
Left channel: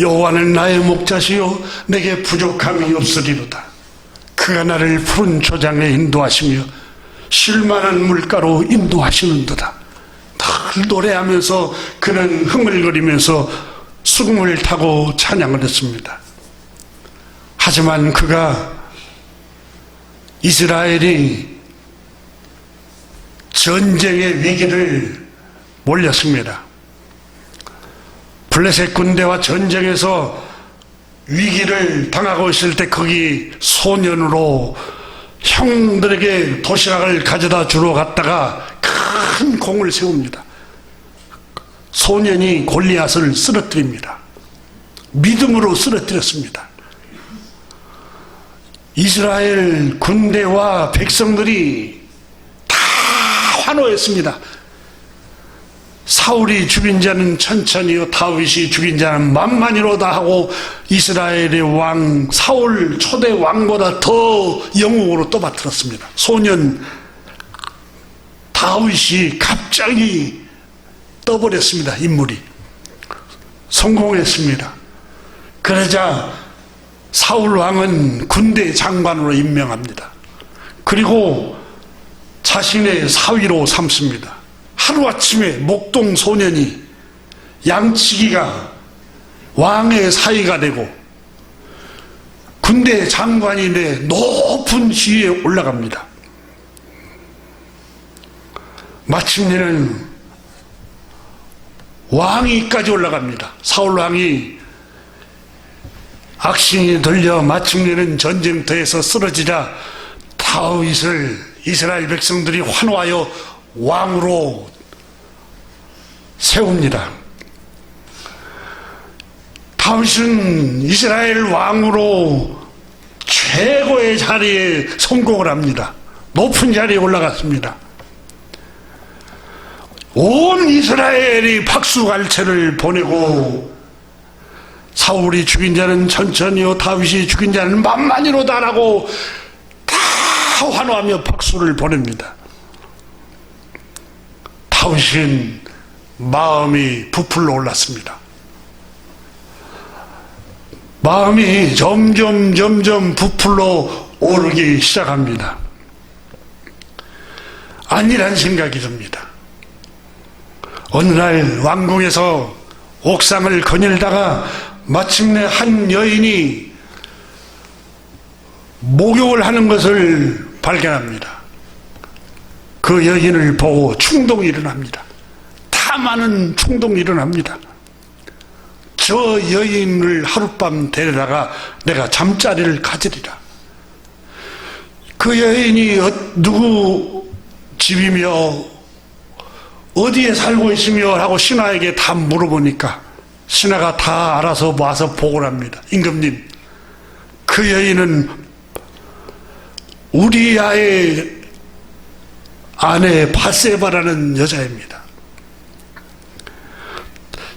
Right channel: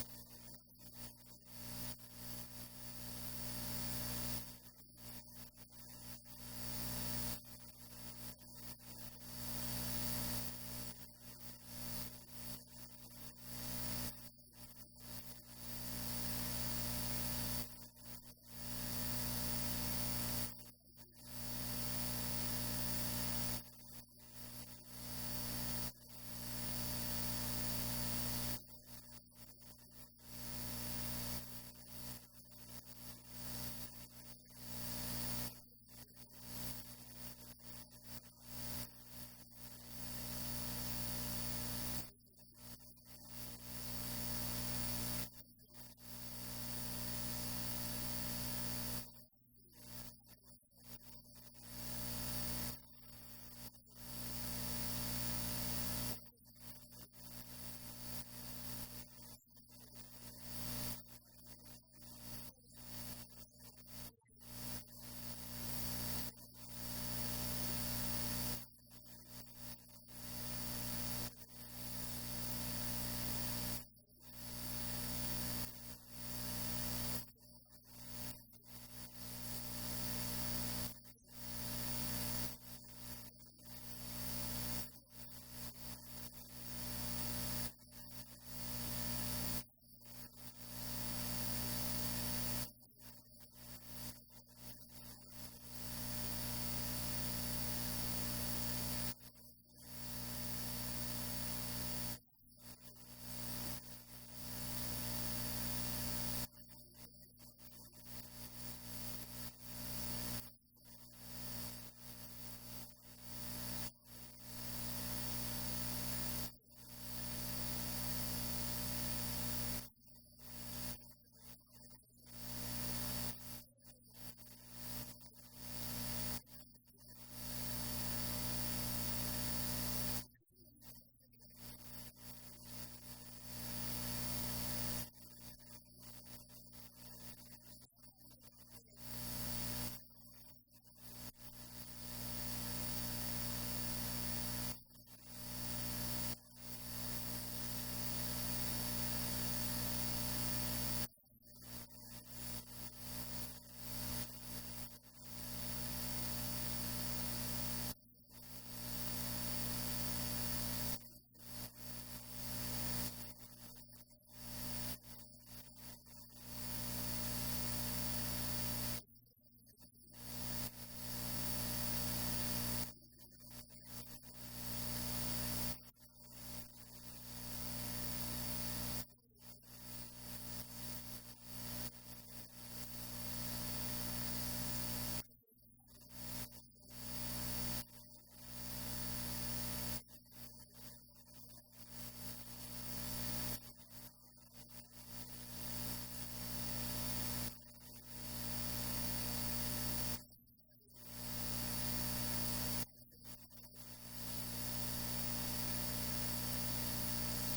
여호와는 나의 목자시요 내게 부족함이 없으리로다. 그가 나를 푸른 초장에 인도하시며 쉴만한 물가로 인도하시는도다. 늘 노래하면서 그는 흥얼거리면서 수금을 타고 찬양을 했습니다. 하지만 그가 이스라엘이 전쟁의 위기를 몰렸습니다. 블레셋 군대와 전쟁에서 위기를 당하고 있을 때 거기 소년으로 형들에게 도시락을 가져다 주러 갔다가 큰 공을 세웁니다. 소년이 골리앗을 쓰러뜨립니다. 믿음으로 쓰러뜨렸습니다. 이스라엘 군대와 백성들이 다 환호했습니다. 사울이 죽인 자는 천천히요 다윗이 죽인 자는 만만이로다 하고 이스라엘의 왕 사울 초대 왕보다 더 영웅으로 떠받들었습니다. 소년 다윗이 갑자기 떠버렸습니다. 인물이 성공했습니다. 그러자 사울 왕은 군대 장관으로 임명합니다. 그리고 자신의 사위로 삼습니다. 하루아침에 목동 소년이 양치기가 왕의 사위가 되고 군대 장관이 돼 높은 지위에 올라갑니다. 마침내는 왕위까지 올라갑니다. 사울 왕이 악신이 들려 마침내는 전쟁터에서 쓰러지자 다윗을 이스라엘 백성들이 환호하여 왕으로 세웁니다. 다윗은 이스라엘 왕으로 최고의 자리에 성공을 합니다. 높은 자리에 올라갔습니다. 온 이스라엘이 박수갈채를 보내고 사울이 죽인 자는 천천히요 다윗이 죽인 자는 만만이로다라고 다 환호하며 박수를 보냅니다. 다윗은 마음이 부풀러 올랐습니다. 마음이 점점 부풀러 오르기 시작합니다. 아니란 생각이 듭니다. 어느 날 왕궁에서 옥상을 거닐다가 마침내 한 여인이 목욕을 하는 것을 발견합니다. 그 여인을 보고 충동이 일어납니다. 다 많은 충동이 일어납니다. 저 여인을 하룻밤 데려다가 내가 잠자리를 가지리라. 그 여인이 누구 집이며 어디에 살고 있으며 하고 신하에게 다 물어보니까 신하가 다 알아서 와서 보고를 합니다. 임금님, 그 여인은 우리아의 아내 바세바라는 여자입니다.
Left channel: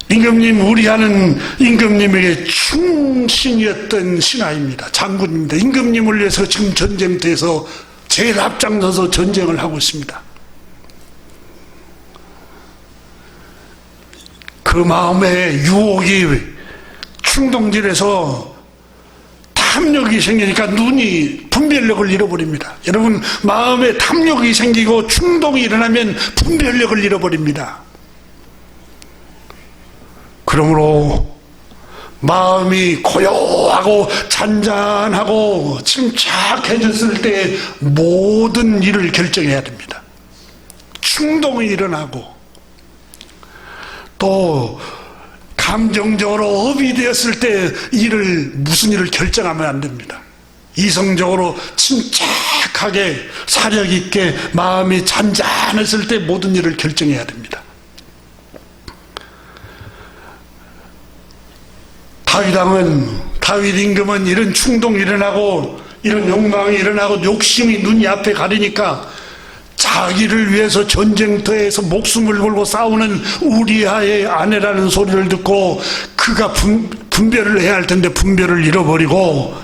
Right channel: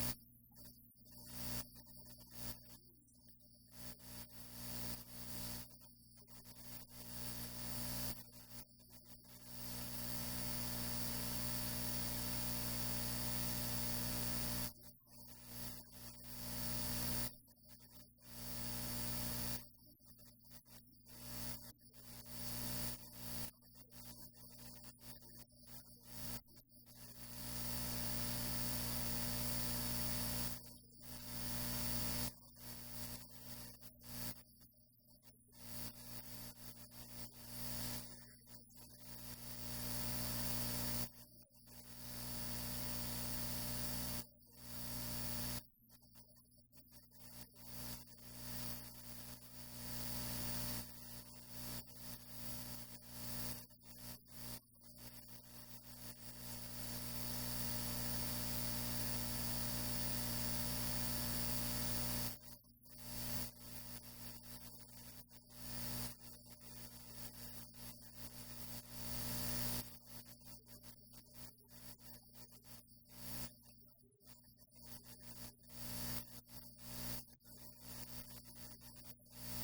임금님, 우리아는 임금님에게 충신이었던 신하입니다. 장군입니다. 임금님을 위해서 지금 전쟁터에서 제일 앞장서서 전쟁을 하고 있습니다. 그 마음에 유혹이 충동질에서 탐욕이 생기니까 눈이 분별력을 잃어버립니다. 여러분, 마음에 탐욕이 생기고 충동이 일어나면 분별력을 잃어버립니다. 그러므로 마음이 고요하고 잔잔하고 침착해졌을 때 모든 일을 결정해야 됩니다. 충동이 일어나고 또 감정적으로 업이 되었을 때 무슨 일을 결정하면 안 됩니다. 이성적으로 침착하게 사력 있게 마음이 잔잔했을 때 모든 일을 결정해야 됩니다. 다윗 임금은 이런 충동이 일어나고 이런 욕망이 일어나고 욕심이 눈이 앞에 가리니까 자기를 위해서 전쟁터에서 목숨을 걸고 싸우는 우리아의 아내라는 소리를 듣고 그가 분별을 해야 할 텐데 분별을 잃어버리고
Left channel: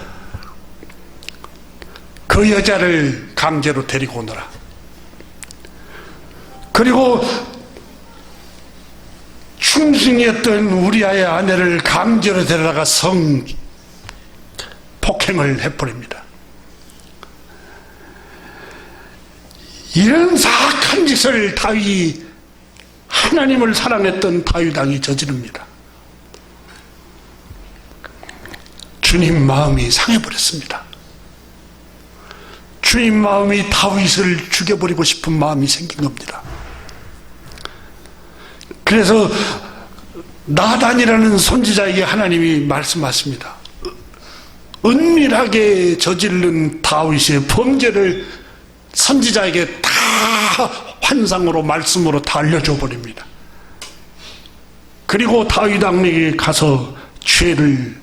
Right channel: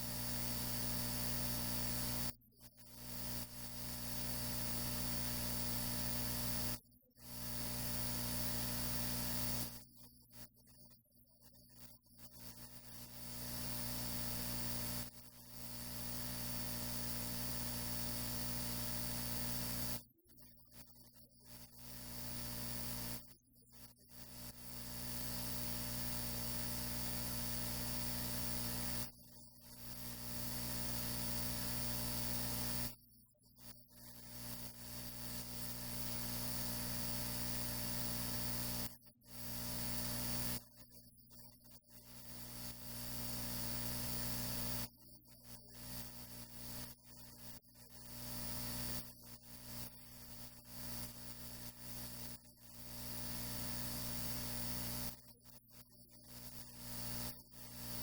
그 여자를 강제로 데리고 오너라. 그리고 충신이었던 우리아의 아내를 강제로 데려다가 성폭행을 해버립니다. 이런 사악한 짓을 하나님을 사랑했던 다윗 왕이 저지릅니다. 주님 마음이 상해버렸습니다. 주님 마음이 다윗을 죽여버리고 싶은 마음이 생긴 겁니다. 그래서 나단이라는 선지자에게 하나님이 말씀하십니다. 은밀하게 저지른 다윗의 범죄를 선지자에게 다 환상으로 말씀으로 다 알려줘 버립니다. 그리고 다윗 왕에게 가서 죄를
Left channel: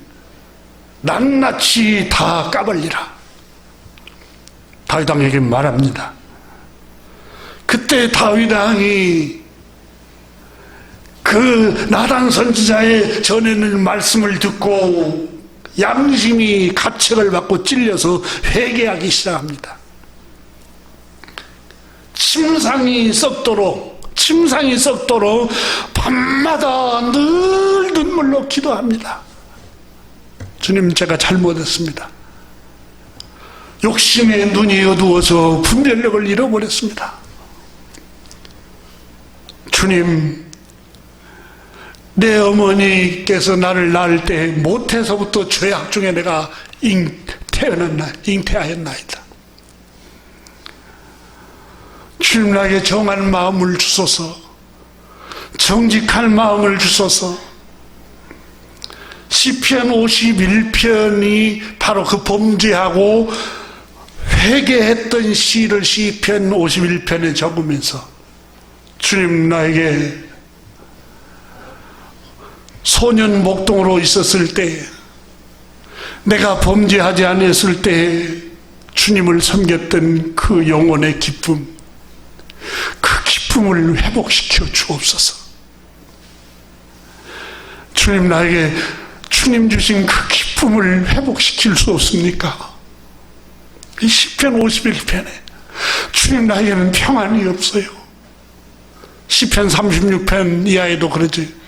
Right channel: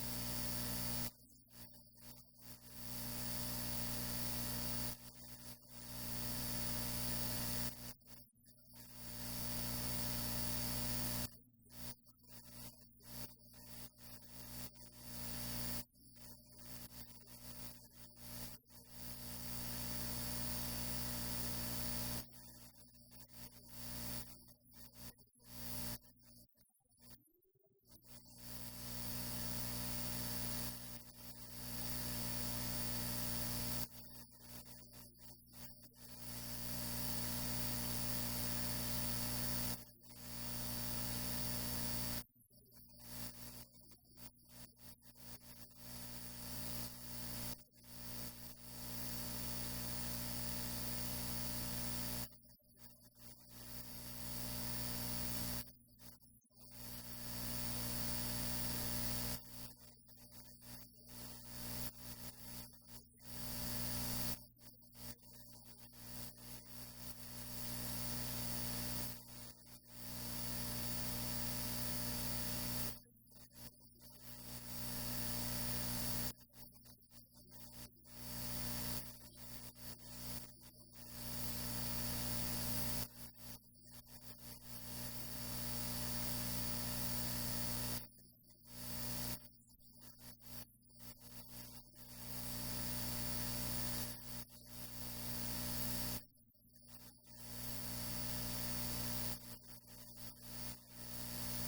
낱낱이 다 까발리라. 다윗 왕에게 말합니다. 그때 다윗 왕이 그 나단 선지자의 전해는 말씀을 듣고 양심이 가책을 받고 찔려서 회개하기 시작합니다. 침상이 썩도록 밤마다 늘 눈물로 기도합니다. 주님, 제가 잘못했습니다. 욕심에 눈이 어두워서 분별력을 잃어버렸습니다. 주님, 내 어머니께서 나를 낳을 때 모태서부터 죄악 중에 내가 잉태하였나이다. 주님, 나에게 정한 마음을 주소서, 정직한 마음을 주소서. 시편 51편이 바로 그 범죄하고 회개했던 시를 시편 51편에 적으면서 주님, 나에게 소년 목동으로 있었을 때, 내가 범죄하지 않았을 때 주님을 섬겼던 그 영혼의 기쁨, 그 기쁨을 회복시켜 주옵소서. 주님, 나에게 주님 주신 그 기쁨을 회복시킬 수 없습니까? 이 시편 51편에 주님, 나에게는 평안이 없어요. 시편 36편 이하에도 그러지.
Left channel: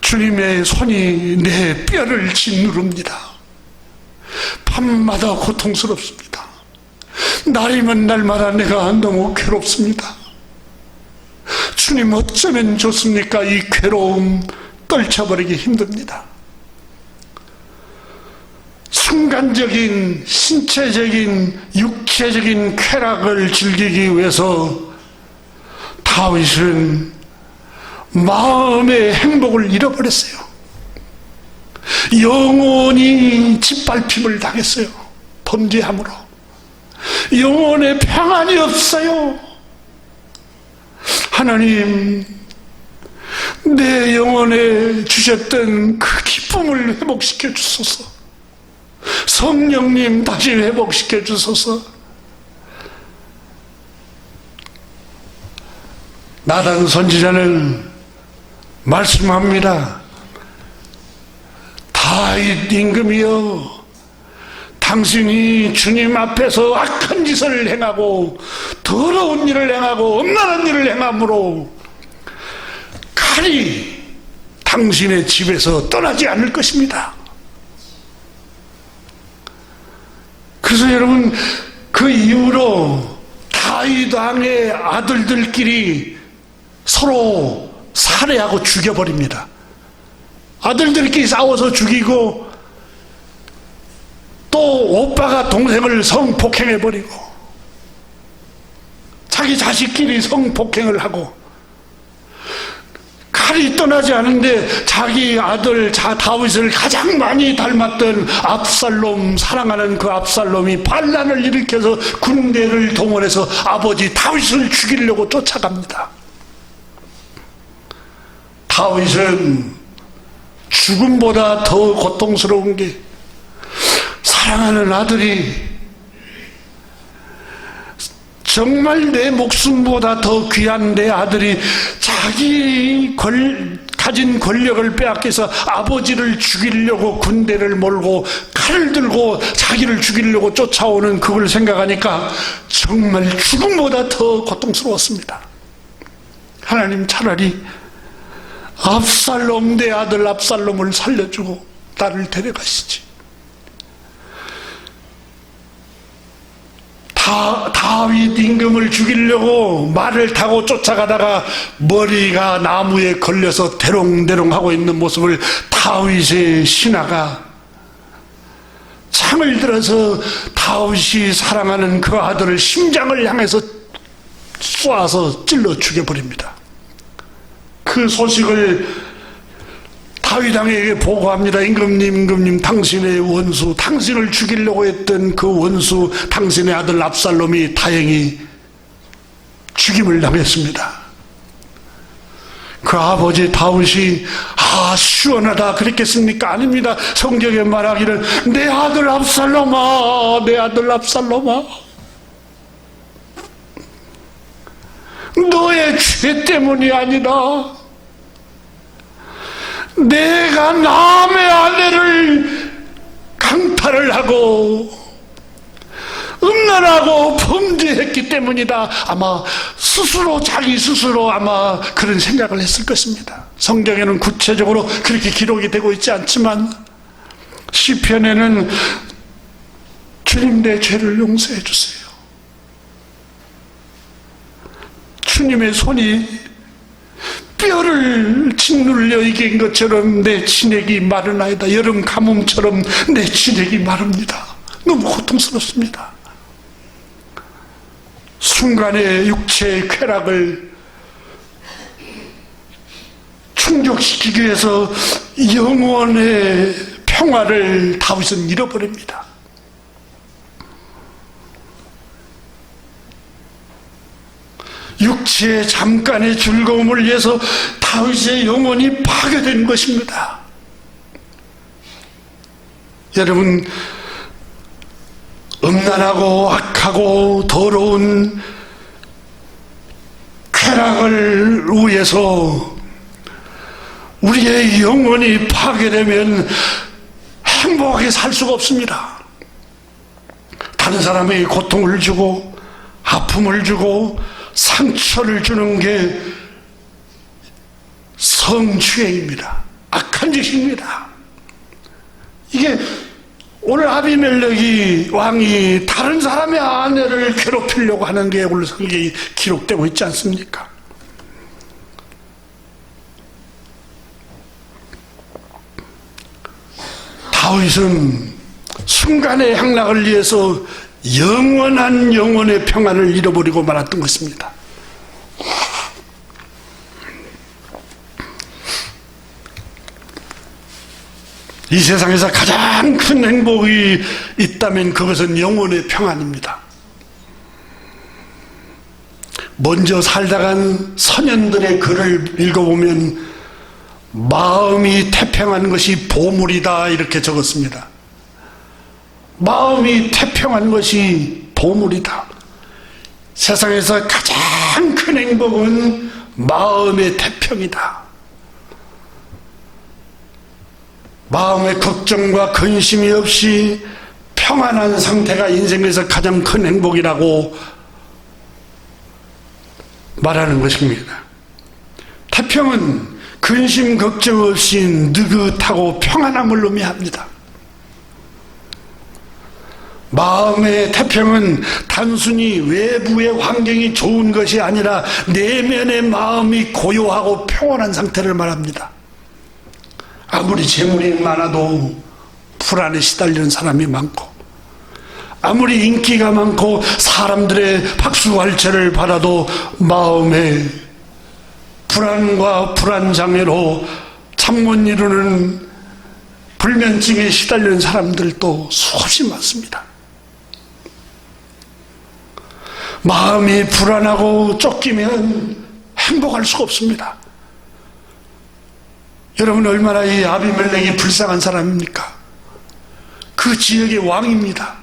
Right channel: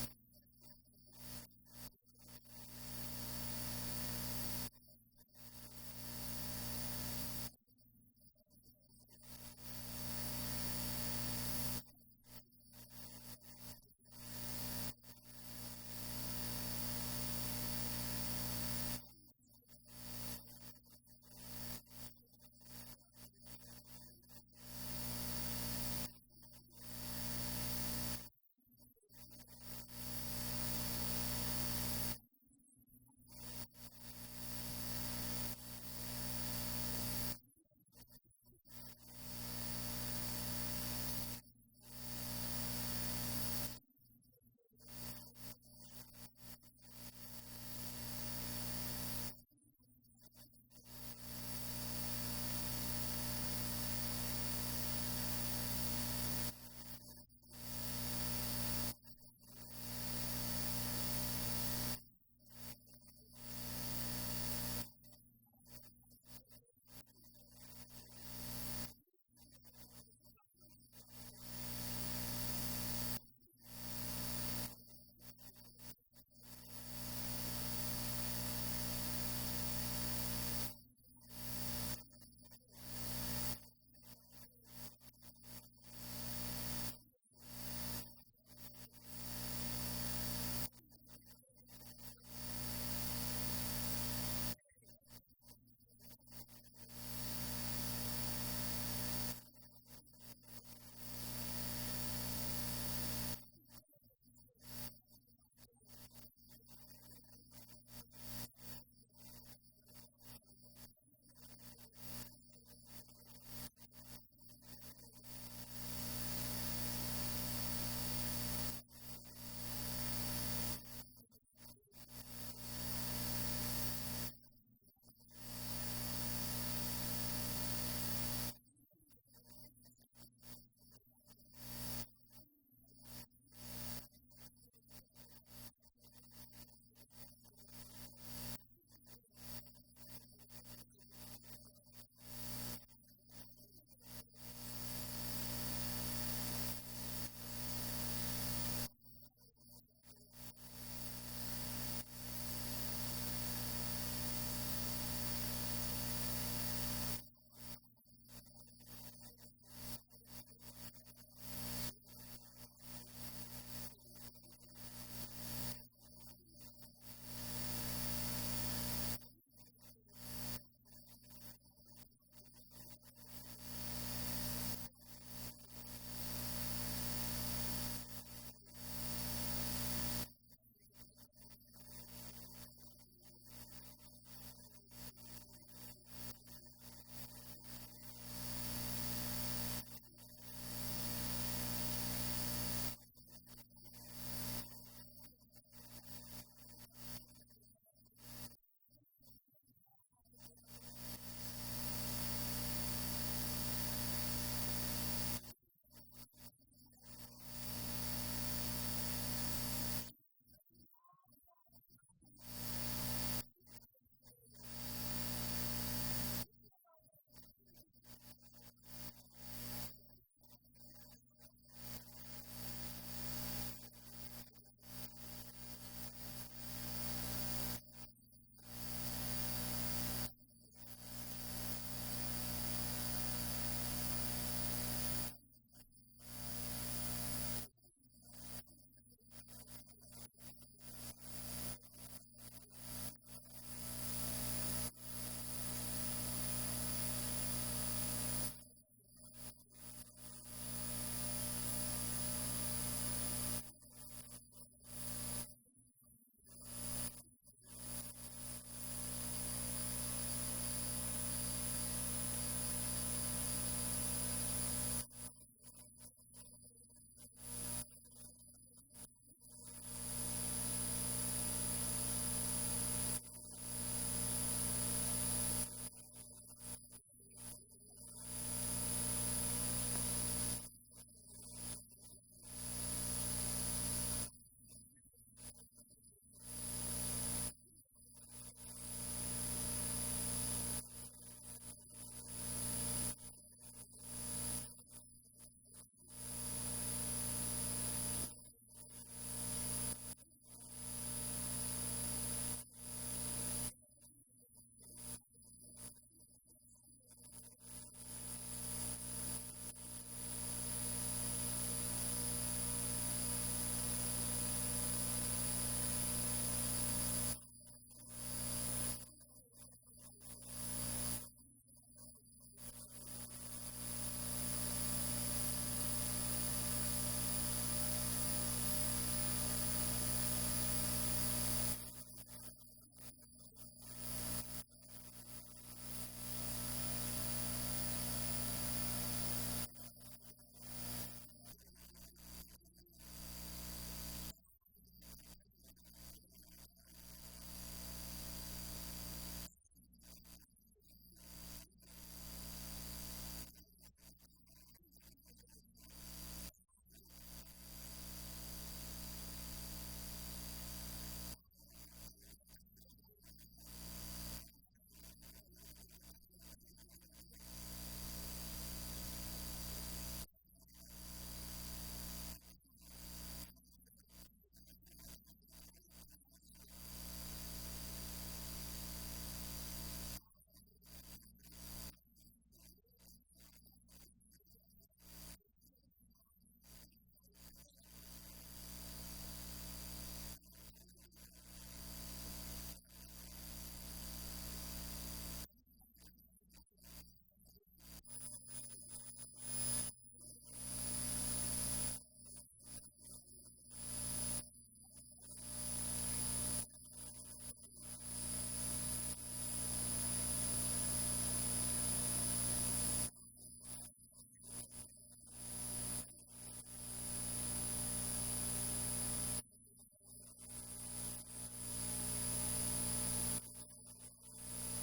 주님의 손이 내 뼈를 짓누릅니다. 밤마다 고통스럽습니다. 날이면 날마다 내가 너무 괴롭습니다. 주님, 어쩌면 좋습니까? 이 괴로움 떨쳐버리기 힘듭니다. 순간적인 신체적인 육체적인 쾌락을 즐기기 위해서 다윗은 마음의 행복을 잃어버렸어요. 영원히 짓밟힘을 당했어요. 범죄함으로. 영혼의 평안이 없어요. 하나님, 내 영혼에 주셨던 그 기쁨을 회복시켜 주소서. 성령님 다시 회복시켜 주소서. 나단 선지자는 말씀합니다. 다윗 임금이여, 당신이 주님 앞에서 악한 짓을 행하고 더러운 일을 행하고 음란한 일을 행함으로 칼이 당신의 집에서 떠나지 않을 것입니다. 그래서 여러분, 그 이후로 다윗 왕의 아들들끼리 서로 살해하고 죽여버립니다. 아들들끼리 싸워서 죽이고, 또 오빠가 동생을 성폭행해버리고, 자기 자식끼리 성폭행을 하고, 칼이 떠나지 않은데 자기 아들 다윗을 가장 많이 닮았던 압살롬, 사랑하는 그 압살롬이 반란을 일으켜서 군대를 동원해서 아버지 다윗을 죽이려고 쫓아갑니다. 다윗은 죽음보다 더 고통스러운 게, 사랑하는 아들이 정말 내 목숨보다 더 귀한 내 아들이 자기 가진 권력을 빼앗겨서 아버지를 죽이려고 군대를 몰고 칼을 들고 자기를 죽이려고 쫓아오는 그걸 생각하니까 정말 죽음보다 더 고통스러웠습니다. 하나님, 차라리 압살롬, 내 아들 압살롬을 살려주고 나를 데려가시지. 다윗 임금을 죽이려고 말을 타고 쫓아가다가 머리가 나무에 걸려서 대롱대롱 하고 있는 모습을 다윗의 신하가 창을 들어서 다윗이 사랑하는 그 아들을 심장을 향해서 쏘아서 찔러 죽여버립니다. 그 소식을 다윗 왕에게 보고합니다. 임금님, 당신의 원수, 당신을 죽이려고 했던 그 원수, 당신의 아들 압살롬이 다행히 죽임을 당했습니다. 그 아버지 다윗이 시원하다 그랬겠습니까? 아닙니다. 성경에 말하기를 내 아들 압살롬아, 내 아들 압살롬아, 너의 죄 때문이 아니라 내가 남의 아내를 강탈을 하고 음란하고 범죄했기 때문이다. 아마 자기 스스로 아마 그런 생각을 했을 것입니다. 성경에는 구체적으로 그렇게 기록이 되고 있지 않지만 시편에는 주님, 내 죄를 용서해 주세요. 주님의 손이 뼈를 짓눌려 이긴 것처럼 내 진액이 마르나이다. 여름 가뭄처럼 내 진액이 마릅니다. 너무 고통스럽습니다. 순간의 육체의 쾌락을 충족시키기 위해서 영원의 평화를 다윗은 잃어버립니다. 육체의 잠깐의 즐거움을 위해서 다윗의 영혼이 파괴된 것입니다. 여러분, 음란하고 악하고 더러운 쾌락을 위해서 우리의 영혼이 파괴되면 행복하게 살 수가 없습니다. 다른 사람에게 고통을 주고 아픔을 주고 상처를 주는 게 성추행입니다. 악한 짓입니다. 이게 오늘 아비멜렉이 왕이 다른 사람의 아내를 괴롭히려고 하는 게 오늘 성경에 기록되고 있지 않습니까? 다윗은 순간의 향락을 위해서 영원한 영혼의 평안을 잃어버리고 말았던 것입니다. 이 세상에서 가장 큰 행복이 있다면 그것은 영혼의 평안입니다. 먼저 살다간 선현들의 글을 읽어보면 마음이 태평한 것이 보물이다 이렇게 적었습니다. 마음이 태평한 것이 보물이다. 세상에서 가장 큰 행복은 마음의 태평이다. 마음의 걱정과 근심이 없이 평안한 상태가 인생에서 가장 큰 행복이라고 말하는 것입니다. 태평은 근심 걱정 없이 느긋하고 평안함을 의미합니다. 마음의 태평은 단순히 외부의 환경이 좋은 것이 아니라 내면의 마음이 고요하고 평온한 상태를 말합니다. 아무리 재물이 많아도 불안에 시달리는 사람이 많고, 아무리 인기가 많고 사람들의 박수갈채를 받아도 마음에 불안과 불안장애로 잠 못 이루는 불면증에 시달리는 사람들도 수없이 많습니다. 마음이 불안하고 쫓기면 행복할 수가 없습니다. 여러분, 얼마나 이 아비멜렉이 불쌍한 사람입니까? 그 지역의 왕입니다.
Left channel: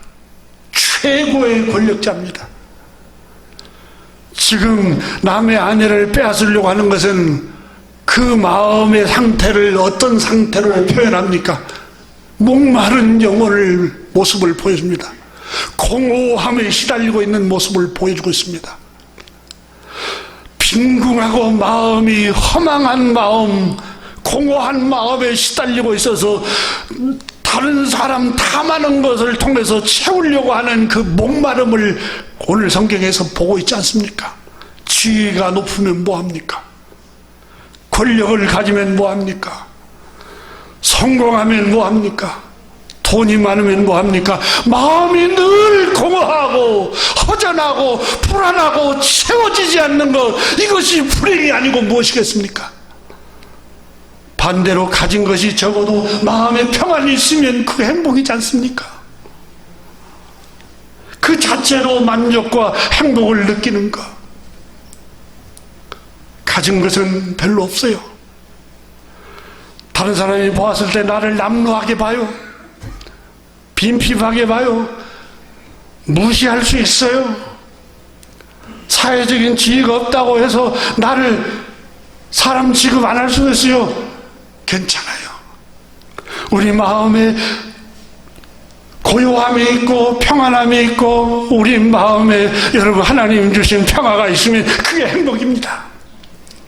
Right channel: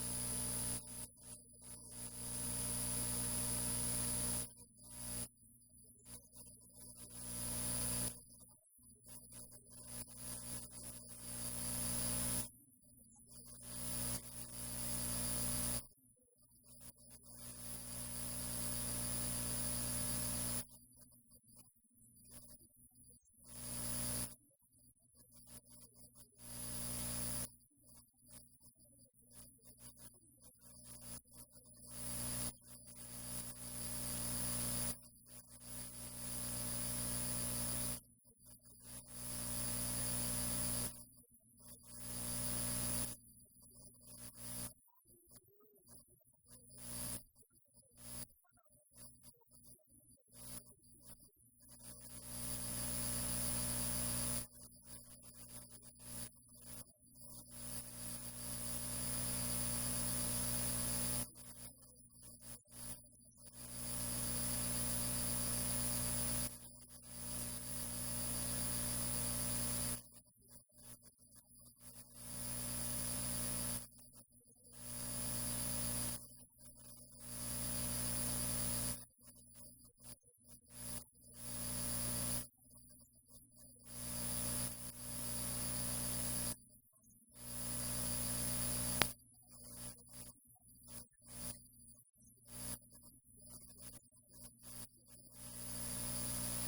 최고의 권력자입니다. 지금 남의 아내를 빼앗으려고 하는 것은 그 마음의 상태를 어떤 상태로 표현합니까? 목마른 영혼의 모습을 보여줍니다. 공허함에 시달리고 있는 모습을 보여주고 있습니다. 빈궁하고 마음이 허망한 마음, 공허한 마음에 시달리고 있어서 다른 사람 탐하는 것을 통해서 채우려고 하는 그 목마름을 오늘 성경에서 보고 있지 않습니까? 지위가 높으면 뭐합니까? 권력을 가지면 뭐합니까? 성공하면 뭐합니까? 돈이 많으면 뭐합니까? 마음이 늘 공허하고 허전하고 불안하고 채워지지 않는 것, 이것이 불행이 아니고 무엇이겠습니까? 반대로 가진 것이 적어도 마음에 평안이 있으면 그게 행복이지 않습니까? 그 자체로 만족과 행복을 느끼는 것. 가진 것은 별로 없어요. 다른 사람이 보았을 때 나를 남루하게 봐요. 빈핍하게 봐요. 무시할 수 있어요. 사회적인 지위가 없다고 해서 나를 사람 취급 안 할 수도 있어요. 괜찮아요. 우리 마음에 고요함이 있고 평안함이 있고 우리 마음에 여러분 하나님 주신 평화가 있으면 그게 행복입니다.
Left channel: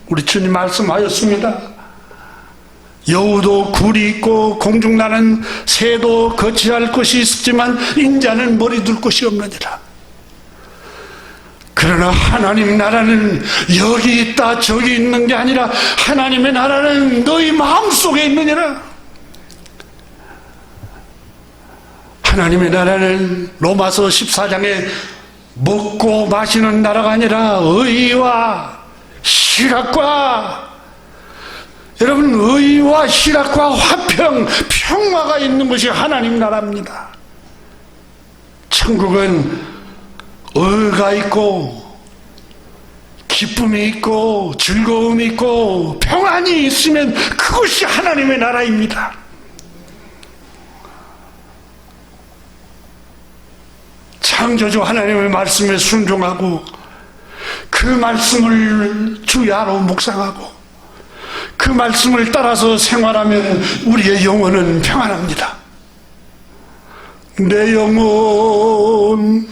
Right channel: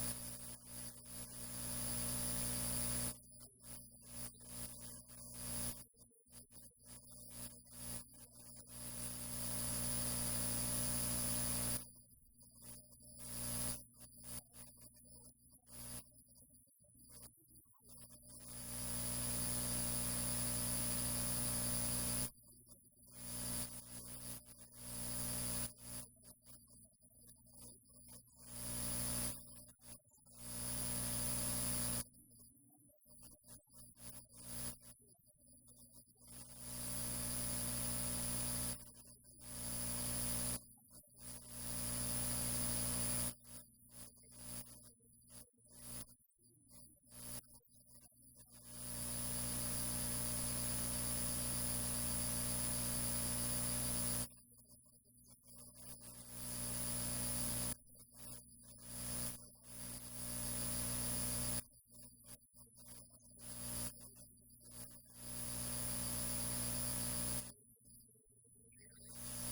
우리 주님 말씀하였습니다. 여우도 굴이 있고 공중나는 새도 거치할 곳이 있지만 인자는 머리 둘 곳이 없느니라. 그러나 하나님 나라는 여기 있다 저기 있는 게 아니라 하나님의 나라는 너희 마음속에 있느니라. 하나님의 나라는 로마서 14장에 먹고 마시는 나라가 아니라 의와 희락과, 여러분, 의와 희락과 화평, 평화가 있는 것이 하나님 나라입니다. 천국은 의가 있고 기쁨이 있고 즐거움이 있고 평안이 있으면 그것이 하나님의 나라입니다. 창조주 하나님의 말씀에 순종하고 그 말씀을 주야로 묵상하고 그 말씀을 따라서 생활하면 우리의 영혼은 평안합니다. 내 영혼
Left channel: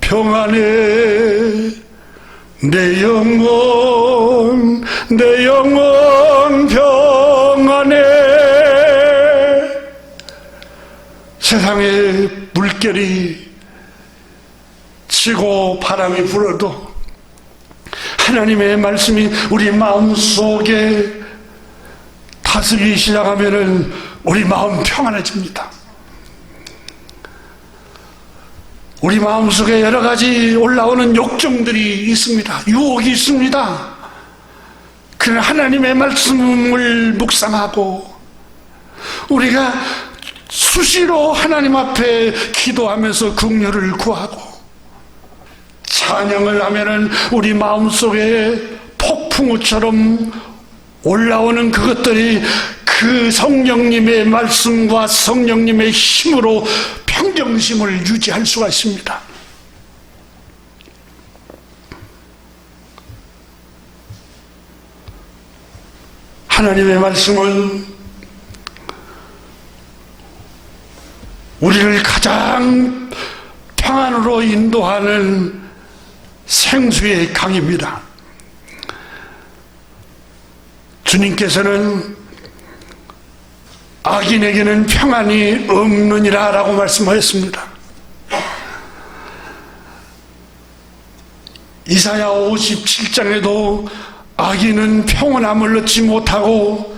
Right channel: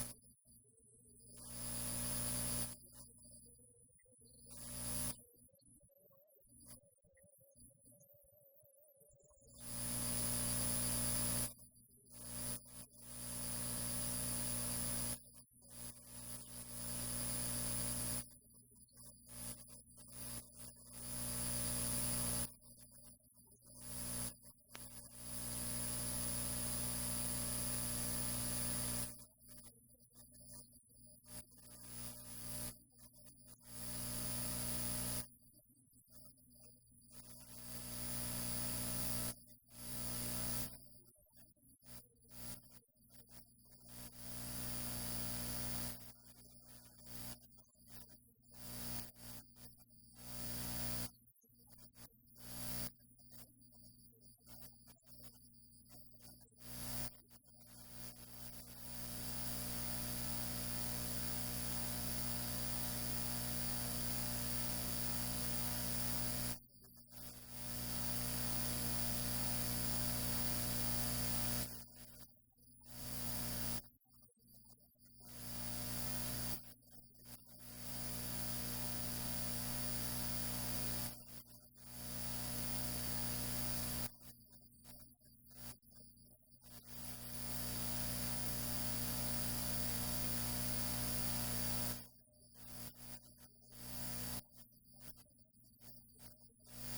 평안해, 내 영혼 평안해. 세상에 물결이 치고 바람이 불어도 하나님의 말씀이 우리 마음속에 다스리기 시작하면은 우리 마음 평안해집니다. 우리 마음속에 여러 가지 올라오는 욕정들이 있습니다. 유혹이 있습니다. 그러나 하나님의 말씀을 묵상하고 우리가 수시로 하나님 앞에 기도하면서 긍휼을 구하고 찬양을 하면은 우리 마음속에 폭풍우처럼 올라오는 그것들이 그 성령님의 말씀과 성령님의 힘으로 평정심을 유지할 수가 있습니다. 하나님의 말씀은 우리를 가장 평안으로 인도하는 생수의 강입니다. 주님께서는 악인에게는 평안이 없느니라 라고 말씀하셨습니다. 이사야 57장에도 악인은 평온함을 얻지 못하고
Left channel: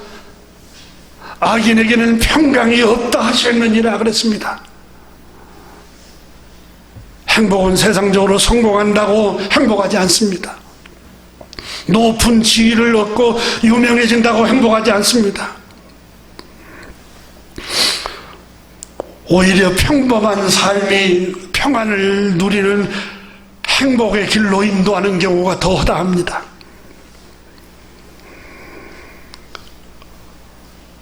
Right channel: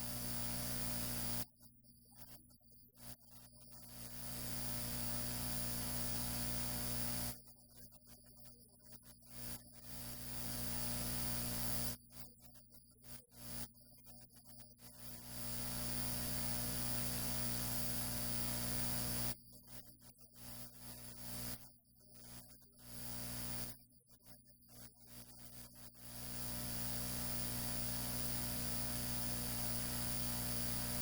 악인에게는 평강이 없다 하셨느니라 그랬습니다. 행복은 세상적으로 성공한다고 행복하지 않습니다. 높은 지위를 얻고 유명해진다고 행복하지 않습니다. 오히려 평범한 삶이 평안을 누리는 행복의 길로 인도하는 경우가 더 허다합니다.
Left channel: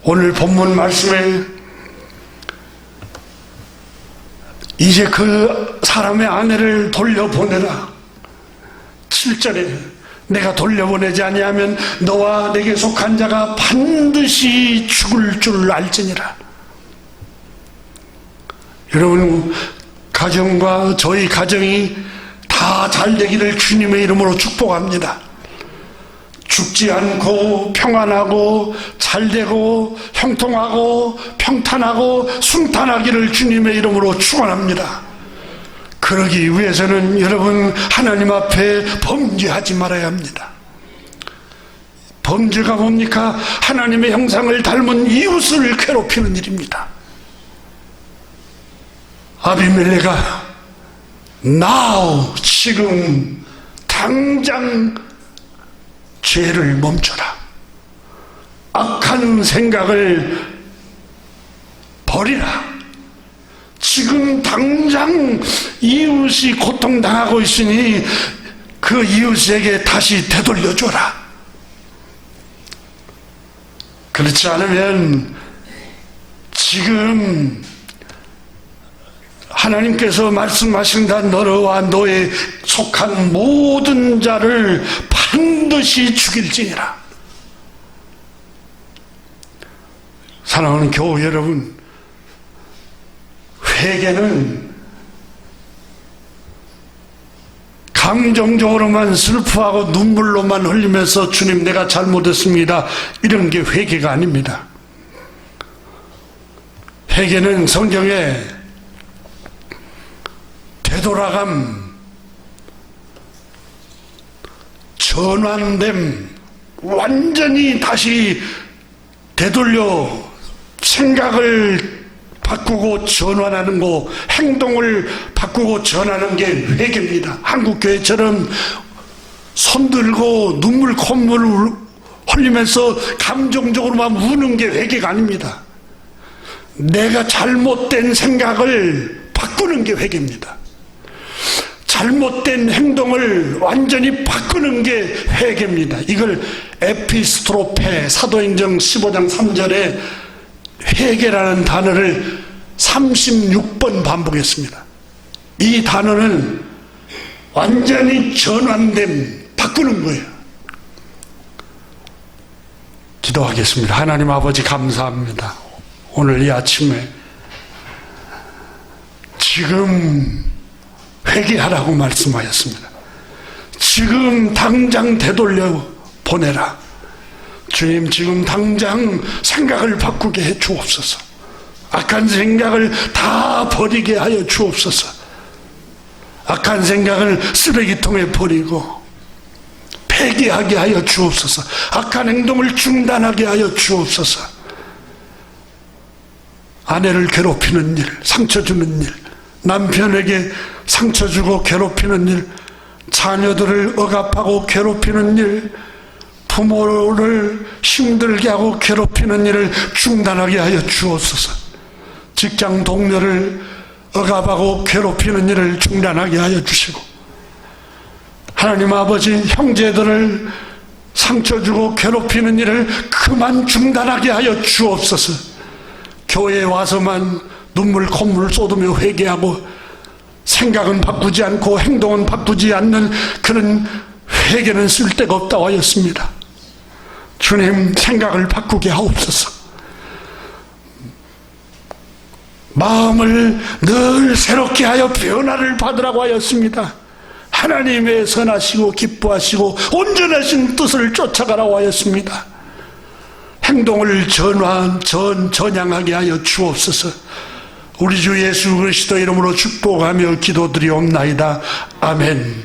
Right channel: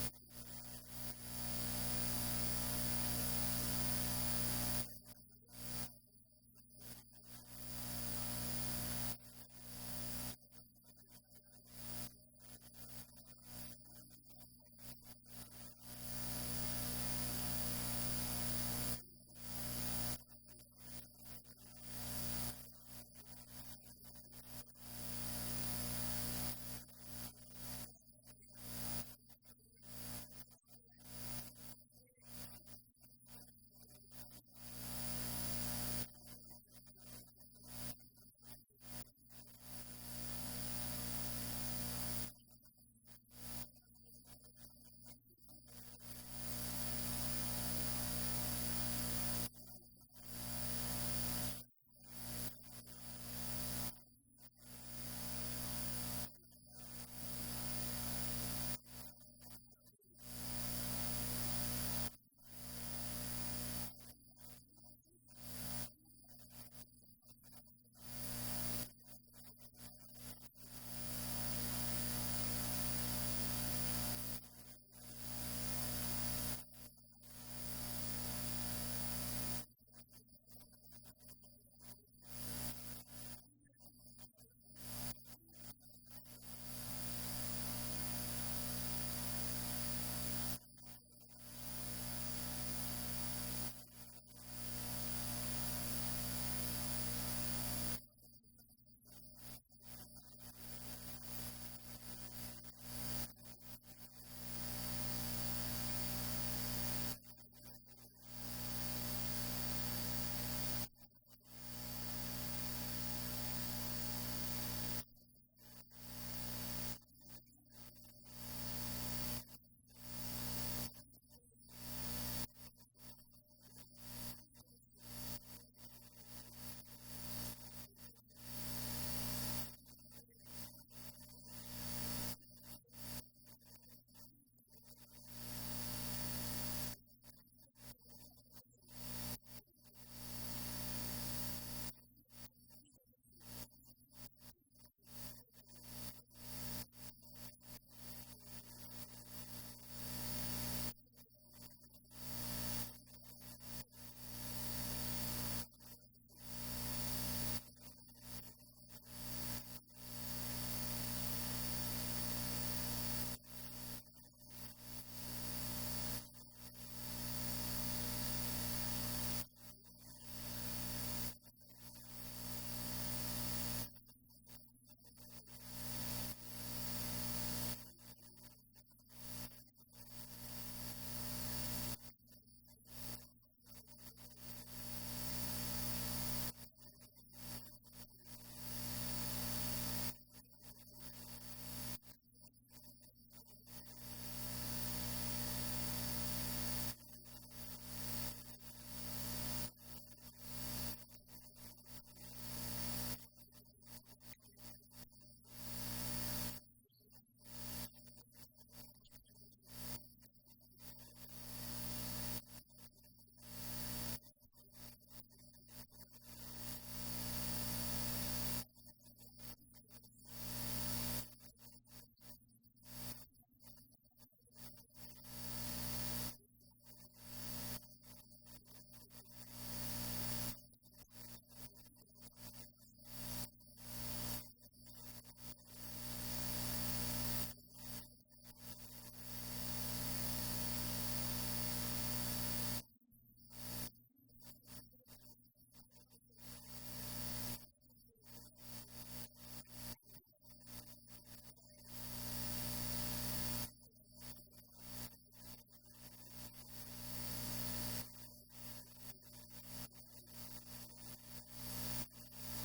오늘 본문 말씀에 이제 그 사람의 아내를 돌려보내라. 7절에 내가 돌려보내지 아니하면 너와 내게 속한 자가 반드시 죽을 줄 알지니라. 여러분, 가정과 저희 가정이 다 잘 되기를 주님의 이름으로 축복합니다. 죽지 않고 평안하고 잘되고 형통하고 평탄하고 순탄하기를 주님의 이름으로 축원합니다. 그러기 위해서는 여러분, 하나님 앞에 범죄하지 말아야 합니다. 범죄가 뭡니까? 하나님의 형상을 닮은 이웃을 괴롭히는 일입니다. 아비멜레가 now 지금 당장 죄를 멈춰라. 악한 생각을 버리라. 지금 당장 이웃이 고통당하고 있으니 그 이웃에게 다시 되돌려줘라. 그렇지 않으면 지금 하나님께서 말씀하신다. 너와 너에 속한 모든 자를 반드시 죽일지니라. 사랑하는 교우 여러분, 회개는 감정적으로만 슬퍼하고 눈물로만 흘리면서 주님 내가 잘못했습니다 이런 게 회개가 아닙니다. 회개는 성경에 되돌아감, 전환됨, 완전히 다시 되돌려 생각을 바꾸고 전환하는 거, 행동을 바꾸고 전하는 게 회개입니다. 한국교회처럼 손들고 눈물 콧물을 흘리면서 감정적으로만 우는 게 회개가 아닙니다. 내가 잘못된 생각을 바꾸는 게 회개입니다. 잘못된 행동을 완전히 바꾸는 게 회개입니다. 이걸 에피스트로페 사도행전 15장 3절에 회개라는 단어를 36번 반복했습니다. 이 단어는 완전히 전환됨, 바꾸는 거예요. 기도하겠습니다. 하나님 아버지 감사합니다. 오늘 이 아침에 지금 회개하라고 말씀하셨습니다. 지금 당장 되돌려 보내라. 주님, 지금 당장 생각을 바꾸게 해 주옵소서. 악한 생각을 다 버리게 하여 주옵소서. 악한 생각을 쓰레기통에 버리고 폐기하게 하여 주옵소서. 악한 행동을 중단하게 하여 주옵소서. 아내를 괴롭히는 일, 상처 주는 일, 남편에게 상처 주고 괴롭히는 일, 자녀들을 억압하고 괴롭히는 일, 부모를 힘들게 하고 괴롭히는 일을 중단하게 하여 주옵소서. 직장 동료를 억압하고 괴롭히는 일을 중단하게 하여 주시고, 하나님 아버지, 형제들을 상처 주고 괴롭히는 일을 그만 중단하게 하여 주옵소서. 교회에 와서만 눈물 콧물 쏟으며 회개하고 생각은 바꾸지 않고 행동은 바꾸지 않는 그런 회개는 쓸데가 없다고 하였습니다. 주님, 생각을 바꾸게 하옵소서. 마음을 늘 새롭게 하여 변화를 받으라고 하였습니다. 하나님의 선하시고 기뻐하시고 온전하신 뜻을 쫓아가라고 하였습니다. 행동을 전향하게 하여 주옵소서. 우리 주 예수 그리스도 이름으로 축복하며 기도드리옵나이다. 아멘.